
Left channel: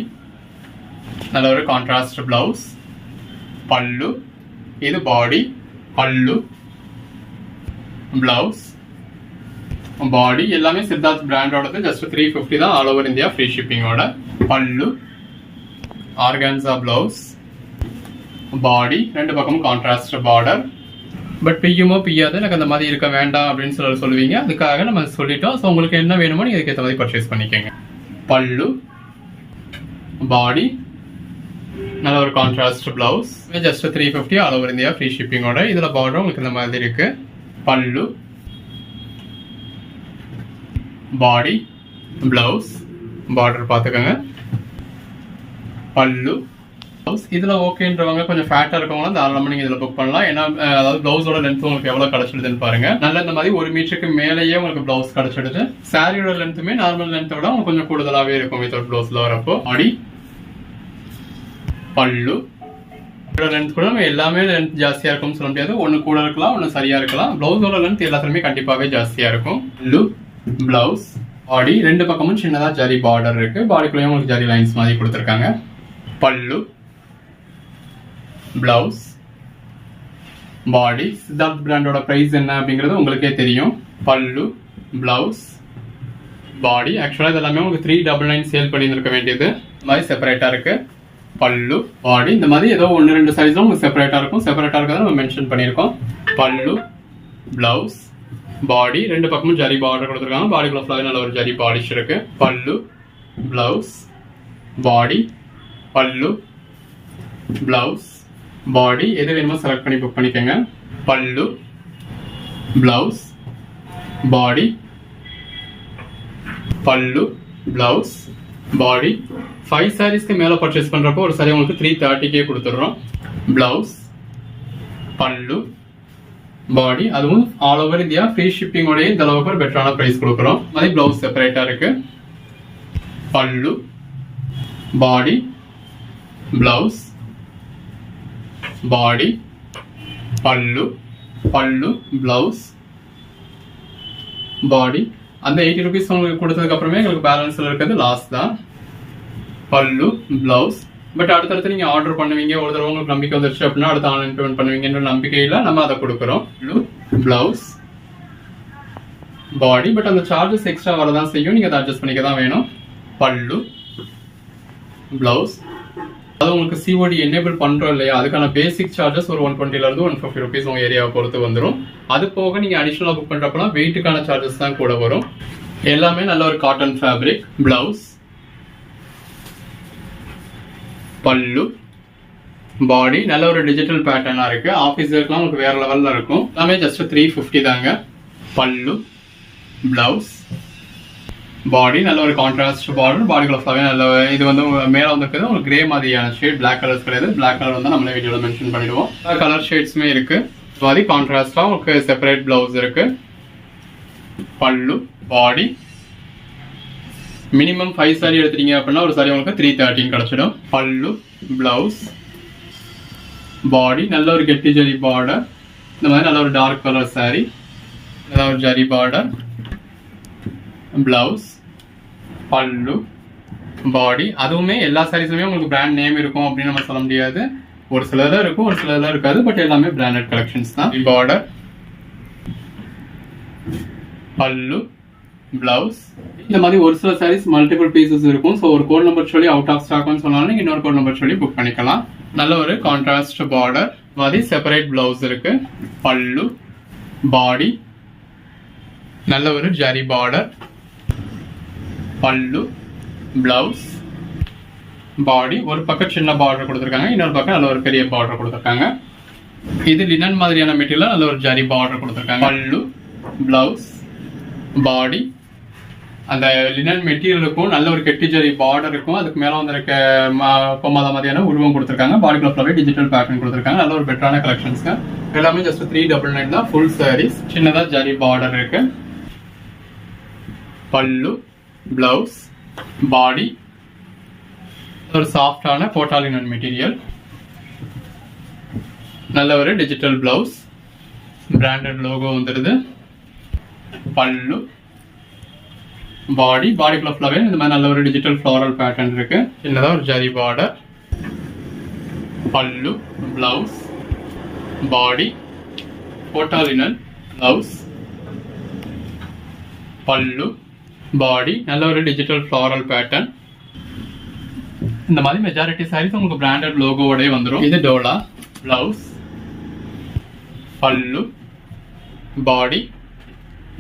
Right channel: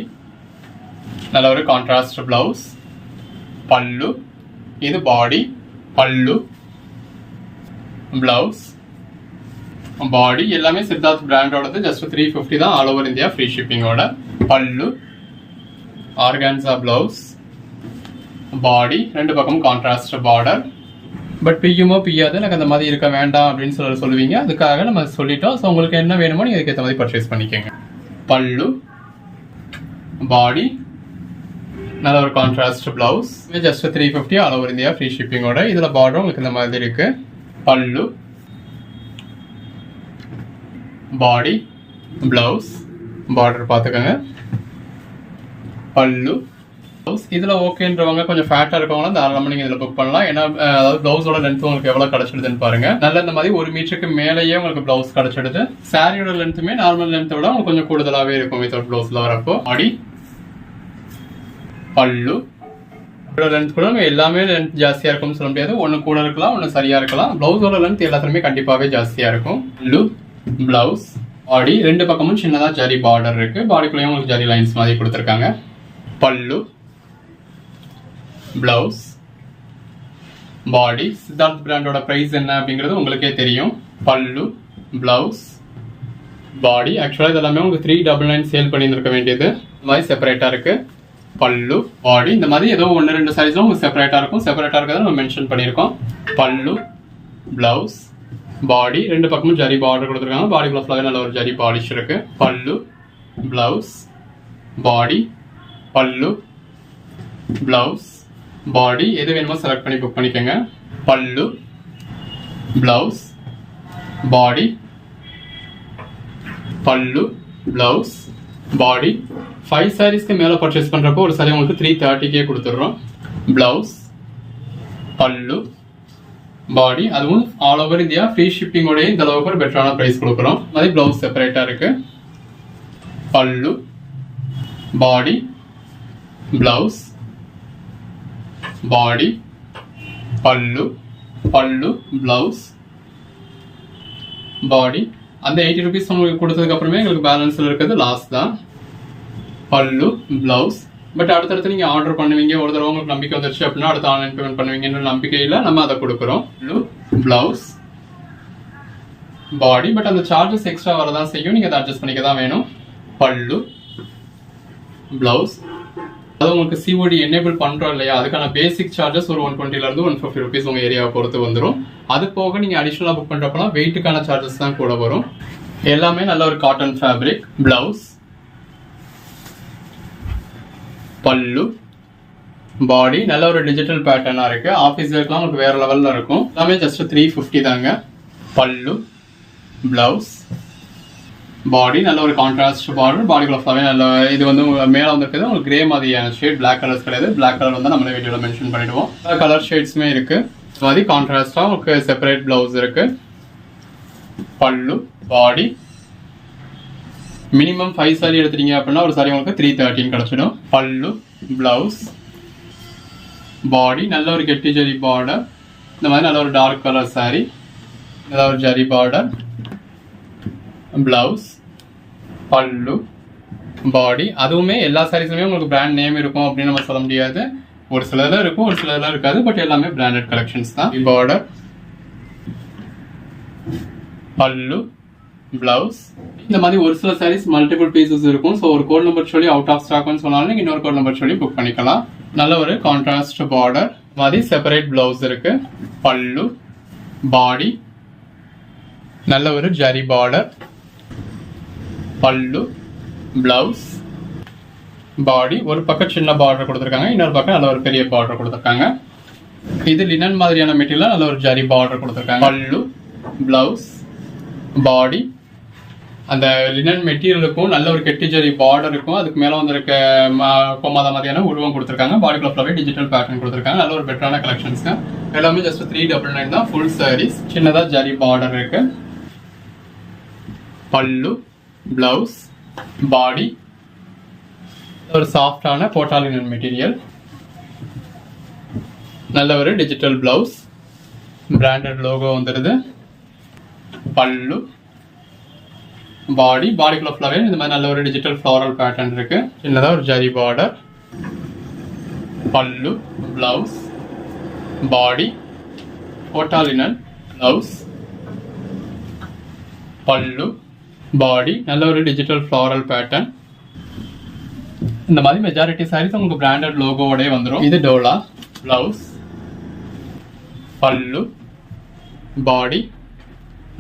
நல்ல ஒரு கான்ட்ராஸ்ட் பிளவுஸ். பல்லு, இது பாடி, பல்லு, பிளவுஸ், பாடி எல்லாமே சித்தார்த் பிராண்டோடது. ஜஸ்ட் 350 தான், ஆல் ஓவர் இந்தியா ஃப்ரீ ஷிப்பிங்கோட. பல்லு ஆர்கான்சா பிளவுஸ், பாடி ரெண்டு பக்கமும் கான்ட்ராஸ்ட் பார்டர். பட் பியுமோ பியாது எனக்கு அந்த மாதிரி இருக்க வேண்டாம் அப்படின்னு சொல்லுவீங்க, அதுக்காக நம்ம சொல்லிட்டோம். ஸோ உங்களுக்கு என்ன வேணுமோ நீங்க அதுக்கு ஏற்ற மாதிரி பர்ச்சேஸ் பண்ணிக்கோங்க. பல்லு, பாடி, நல்ல ஒரு contrast blouse, just 350 all over India free ஷிப்பிங்கோட. இதுல பார்டர் உங்களுக்கு இந்த மாதிரி இருக்கு. பல்லு, பாடி, பிளவுஸ், பார்டர் பார்த்துக்கோங்க. பல்லு, இதுல ஓகேன்றவங்க கொஞ்சம் ஃபேட்டா இருக்கவங்க தாராளமா நீங்க இதுல புக் பண்ணலாம். ஏன்னா அதாவது பிளவுஸோட லென்த் உங்களுக்கு எவ்வளவு கிடைச்சிடுதுன்னு பாருங்க. நல்ல இந்த மாதிரி 1 மீட்டருக்கு மேலேயே உங்களுக்கு பிளவுஸ் கிடைச்சிடுது. சாரியோட லென்த்துமே நார்மல் லென்த்தை விட உங்களுக்கு கொஞ்சம் கூடுதலாவே இருக்கும் வித்தவுட் பிளவுஸ்ல வரப்போ. பாடி, பல்லு லென்த் கூட எல்லாமே லென்த் ஜாஸ்தியா இருக்கும்னு சொல்ல முடியாது. ஒன்னு கூட இருக்கலாம், ஒன்னு சரியா இருக்கலாம். பிளவுஸோட லென்த் எல்லாத்துலயுமே கண்டிப்பாவே ஜாஸ்தியா இருக்கும். பல்லு, பிளவுஸ், பாடி ரெண்டு பக்கமும் சின்னதா ஜரி பார்டர் இருக்கு. பாடிக்குள்ளேயும் உங்களுக்கு ஜரி லைன்ஸ் மாதிரி கொடுத்துருக்காங்க. பல்லு, பிளவுஸ், பாடி. சித்தார்த் பிராண்டோட பிரைஸ் என்ன அப்படிங்கிறது உங்களுக்கே தெரியும். பல்லு, பிளவுஸ், பாடி. ஆக்சுவலா இதெல்லாமே உங்களுக்கு 399 சேல் பண்ணியிருக்க வேண்டியது. இந்த மாதிரி செப்பரேட்டா இருக்கு. பல்லு, பாடி இந்த மாதிரி ஏதோ 1-2 சைஸும் உங்களுக்கு செப்பரேட்டா இருக்கும். செப்பரேட்டா இருக்கிறத நம்ம மென்ஷன் பண்ணியிருக்கோம். பல்லு, பிளவுஸ், பாடி ரெண்டு பக்கமும் ஜரி பார்டர் கொடுத்துருக்காங்க. பாடிக்குள்ள ஃபுல்லாவே நல்ல ஒரு ஜரி பாலிஷ் இருக்கு. பல்லு, பிளவுஸ், பாடி, பல்லு, பிளவுஸ், பாடி எது வேணுமோ செலக்ட் பண்ணி புக் பண்ணிக்கோங்க. பல்லு, பிளவுஸ், பாடி, பல்லு, பிளவுஸ், பாடி. 5 சாரீஸ்க்கு மேல பர்ச்சேஸ் பண்றப்போ ஒரு சாரி உங்களுக்கு 330 கொடுத்துடுறோம். பிளவுஸ், பல்லு, பாடி, அதுவும் ஆல் ஓவர் இந்தியா ஃப்ரீ ஷிப்பிங்கோடய இந்த அளவுக்கு ஒரு பெட்டரான பிரைஸ் கொடுக்குறோம். மாதிரி பிளவுஸ் செப்பரேட்டா இருக்கு. பல்லு, பாடி, பிளவுஸ், பாடி, பல்லு, பல்லு, பிளவுஸ், பாடி. அந்த 80 rupees உங்களுக்கு கொடுத்ததுக்கு அப்புறமே எங்களுக்கு பேலன்ஸ்ல இருக்கிறது லாஸ்ட் தான். பல்லு, பிளவுஸ். பட் அடுத்தடுத்து நீங்க ஆர்டர் பண்ணுவீங்க, ஒரு தடவை உங்களுக்கு நம்பிக்கை வந்துருச்சு அப்படின்னா அடுத்த ஆன்லைன் பேமெண்ட் பண்ணுவீங்கன்ற நம்பிக்கையில நம்ம அதை கொடுக்குறோம். பல்லு, பிளவுஸ், பாடி. பட் அந்த சார்ஜஸ் எக்ஸ்ட்ரா வரதான் செய்யும், நீங்க அதை அட்ஜஸ்ட் பண்ணிக்க தான் வேணும். பல்லு, பிளவுஸ். அது உங்களுக்கு சிஓடி எனேபிள் பண்றோம் இல்லையா, அதுக்கான பேசிக் சார்ஜஸ் ஒரு 120 இருந்து 150 rupees உங்க ஏரியாவை பொறுத்து வந்துடும். அது போக நீங்க அடிஷனலா புக் பண்றப்பனா வெயிட்டுக்கான சார்ஜஸ் தான் கூட வரும். எல்லாமே நல்ல ஒரு காட்டன் ஃபேப்ரிக். பிளவுஸ், பல்லு, பாடி நல்ல ஒரு டிஜிட்டல் பேட்டர்னா இருக்கு. ஆஃபீஸ் வேர்க்லாம் உங்களுக்கு வேற லெவல்ல இருக்கும். எல்லாமே ஜஸ்ட் 350 தாங்க. பல்லு, பிளவுஸ், பாடி நல்ல ஒரு கான்ட்ராஸ்ட் பார்டர். பாடிக்குள்ள ஃபுல்லாவே நல்ல இது வந்து மேல வந்துருக்குது உங்களுக்கு கிரே மாதிரியான ஷேட். பிளாக் கலர்ஸ் கிடையாது. பிளாக் கலர் வந்து நம்மளே வீடியோல மென்ஷன் பண்ணிடுவோம். கலர் ஷேட்ஸுமே இருக்கு. இது மாதிரி கான்ட்ராஸ்டா உங்களுக்கு செப்பரேட் பிளவுஸ் இருக்கு. பல்லு, பாடி. மினிமம் 5 சாரி எடுத்துட்டீங்க அப்படின்னா ஒரு சாரி உங்களுக்கு 313 கிடைச்சிடும். பல்லு, பிளவுஸ், பாடி நல்ல ஒரு கெட்டி ஜரி பார்டர். இந்த மாதிரி நல்ல ஒரு டார்க் கலர் சாரி, நல்ல ஒரு ஜரி பார்டர். பிளவுஸ், பல்லு, பாடி. அதுவுமே எல்லா சாரீஸுமே உங்களுக்கு பிராண்ட் நேம் இருக்கும் அப்படின்னு நம்ம சொல்ல முடியாது. ஒரு சிலர்ல இருக்கும், ஒரு சிலர்ல இருக்காது. பட் எல்லாமே பிராண்டட் கலெக்ஷன்ஸ் தான். பார்டர், பல்லு, பிளவுஸ். இந்த மாதிரி ஒரு சில சாரீஸ் மல்டிபிள் பீசஸ் இருக்கும். ஸோ ஒரு கோட் நம்பர் சொல்லி அவுட் ஆஃப் ஸ்டாக்னு சொன்னாலும் நீங்க இன்னொரு கோட் நம்பர் சொல்லி புக் பண்ணிக்கலாம். நல்ல ஒரு கான்ட்ராஸ்ட் பார்டர் மாதிரி செப்பரேட் பிளவுஸ் இருக்கு. பல்லு, பாடி நல்ல ஒரு ஜரி பார்டர். பல்லு, பிளவுஸ், பாடி. ஒரு பக்கம் சின்ன பார்டர் கொடுத்துருக்காங்க, இன்னொரு பக்கம் நல்ல ஒரு பெரிய பார்டர் கொடுத்துருக்காங்க. இது லினன் மாதிரியான மெட்டீரியல் நல்ல ஒரு ஜரி பார்டர் கொடுத்துருக்காங்க. பல்லு, பிளவுஸ், பாடி. அந்த லினன் மெட்டீரியலுக்கும் நல்ல ஒரு கெட்டி ஜரி பார்டர் இருக்கும். அதுக்கு மேல வந்து இருக்க பொம்மாத மாதிரியான உருவம் கொடுத்துருக்காங்க. பாடிக்குள்ள ஃபுல்லாவே டிஜிட்டல் பேட்டர்ன் கொடுத்துருக்காங்க. நல்ல ஒரு பெட்டரான கலெக்ஷன்ஸ். எல்லாமே ஜஸ்ட் 399 தான். ஃபுல் சாரீஸ். சின்னதா ஜரி பார்டர் இருக்கு. பல்லு, பிளவுஸ், பாடி. ஒரு சாஃப்டான கோட்டாலினன் மெட்டீரியல். நல்ல ஒரு டிஜிட்டல் பிளவுஸ். பிராண்டட் லோகோ வந்துடுது. பல்லு, பாடி. பாடிக்குள்ள ஃபுல்லாவே இந்த மாதிரி நல்ல ஒரு டிஜிட்டல் ஃப்ளோரல் பேட்டர்ன் இருக்கு. சின்னதா ஒரு ஜரி பார்டர். பல்லு, பிளவுஸ், பாடி, கோட்டாலினன், பிளவுஸ், பல்லு, பாடி, நல்ல ஒரு டிஜிட்டல் ஃப்ளாரல் பேட்டர்ன். இந்த மாதிரி மெஜாரிட்டி சாரீஸ் உங்களுக்கு பிராண்டட் லோகோவோடய வந்துடும். இது டோலா. பிளவுஸ், பல்லு, பாடி,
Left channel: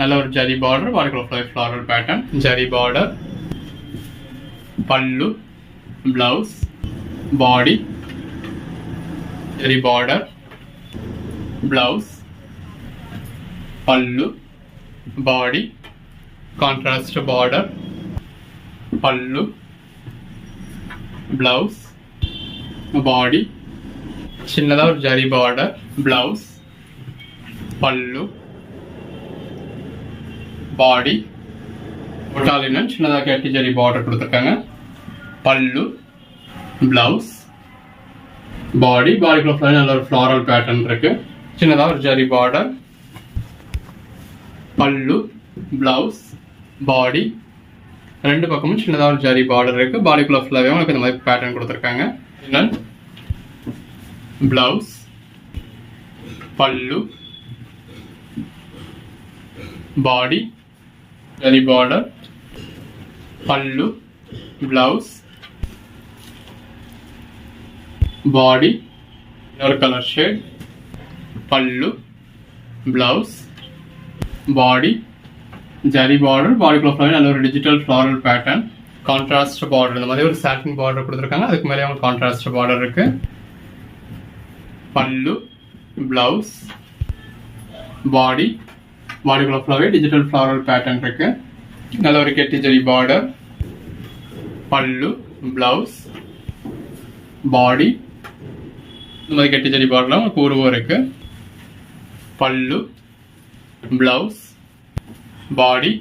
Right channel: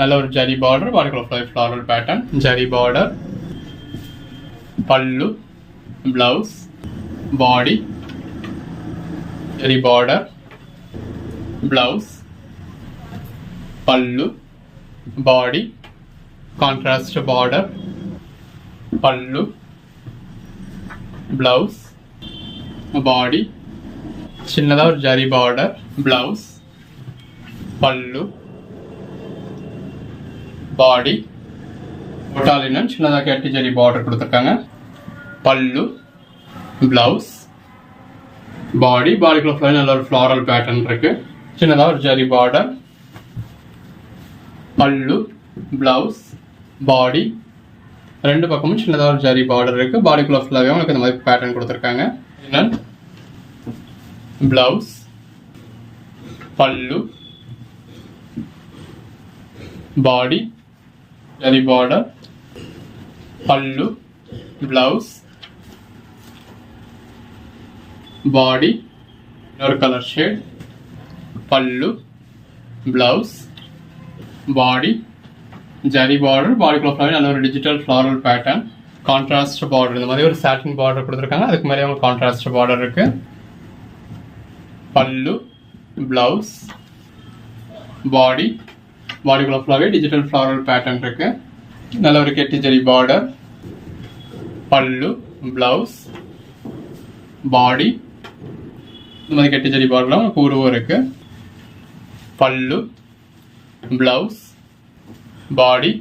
நல்ல ஒரு zari border, water floral pattern, zari border, பல்லு, பிளவுஸ், பாடி, ஜரி பார்டர், பிளவுஸ், பல்லு, பாடி, கான்ட்ராஸ்ட் பார்டர், பல்லு, பிளவுஸ், பாடி, சின்னதாக ஒரு ஜரி பார்டர், பிளவுஸ், பல்லு, பாடி, ஒட்டாலினன் சின்னதாக கட்டி ஜரி பார்டர் கொடுத்துருக்காங்க. பல்லு, பிளவுஸ், பாடி, பாடிக்குள்ள நல்ல ஒரு ஃப்ளாரல் பேட்டர்ன் இருக்கு. சின்னதாக ஒரு ஜரி பார்டர், பல்லு, பிளவுஸ், பாடி, ரெண்டு பக்கமும் சின்னதாக ஒரு ஜரி பார்டர் இருக்கு. பாடிக்குள்ள ஃபுல்லாகவே உங்களுக்கு இந்த மாதிரி பேட்டர்ன் கொடுத்துருக்காங்க. பிளவுஸ், பல்லு, பாடி, ஜரி பார்டர், பல்லு, பிளவுஸ், பாடி, இன்னொரு கலர் ஷேட், பல்லு, பிளவுஸ், பாடி, ஜரி பார்டர், பாடிக்குள்ள நல்ல ஒரு digital floral pattern, contrast border, இந்த மாதிரி ஒரு சாட்டின் பார்டர் கொடுத்துருக்காங்க. அதுக்கு மேலே அவங்க கான்ட்ராஸ்ட் பார்டர் இருக்கு. பல்லு, பிளவுஸ், பாடி, பாடிக்குள்ள ஃபுல்லாகவே டிஜிட்டல் ஃப்ளாரல் பேட்டர்ன் இருக்கு. நல்ல ஒரு கெட்டி ஜரி பார்டர், பல்லு, பிளவுஸ், பாடி, இந்த மாதிரி கெட்டி ஜரி பார்டர்ல உங்களுக்கு உருவம் இருக்கு. பல்லு, பிளவுஸ், பாடி,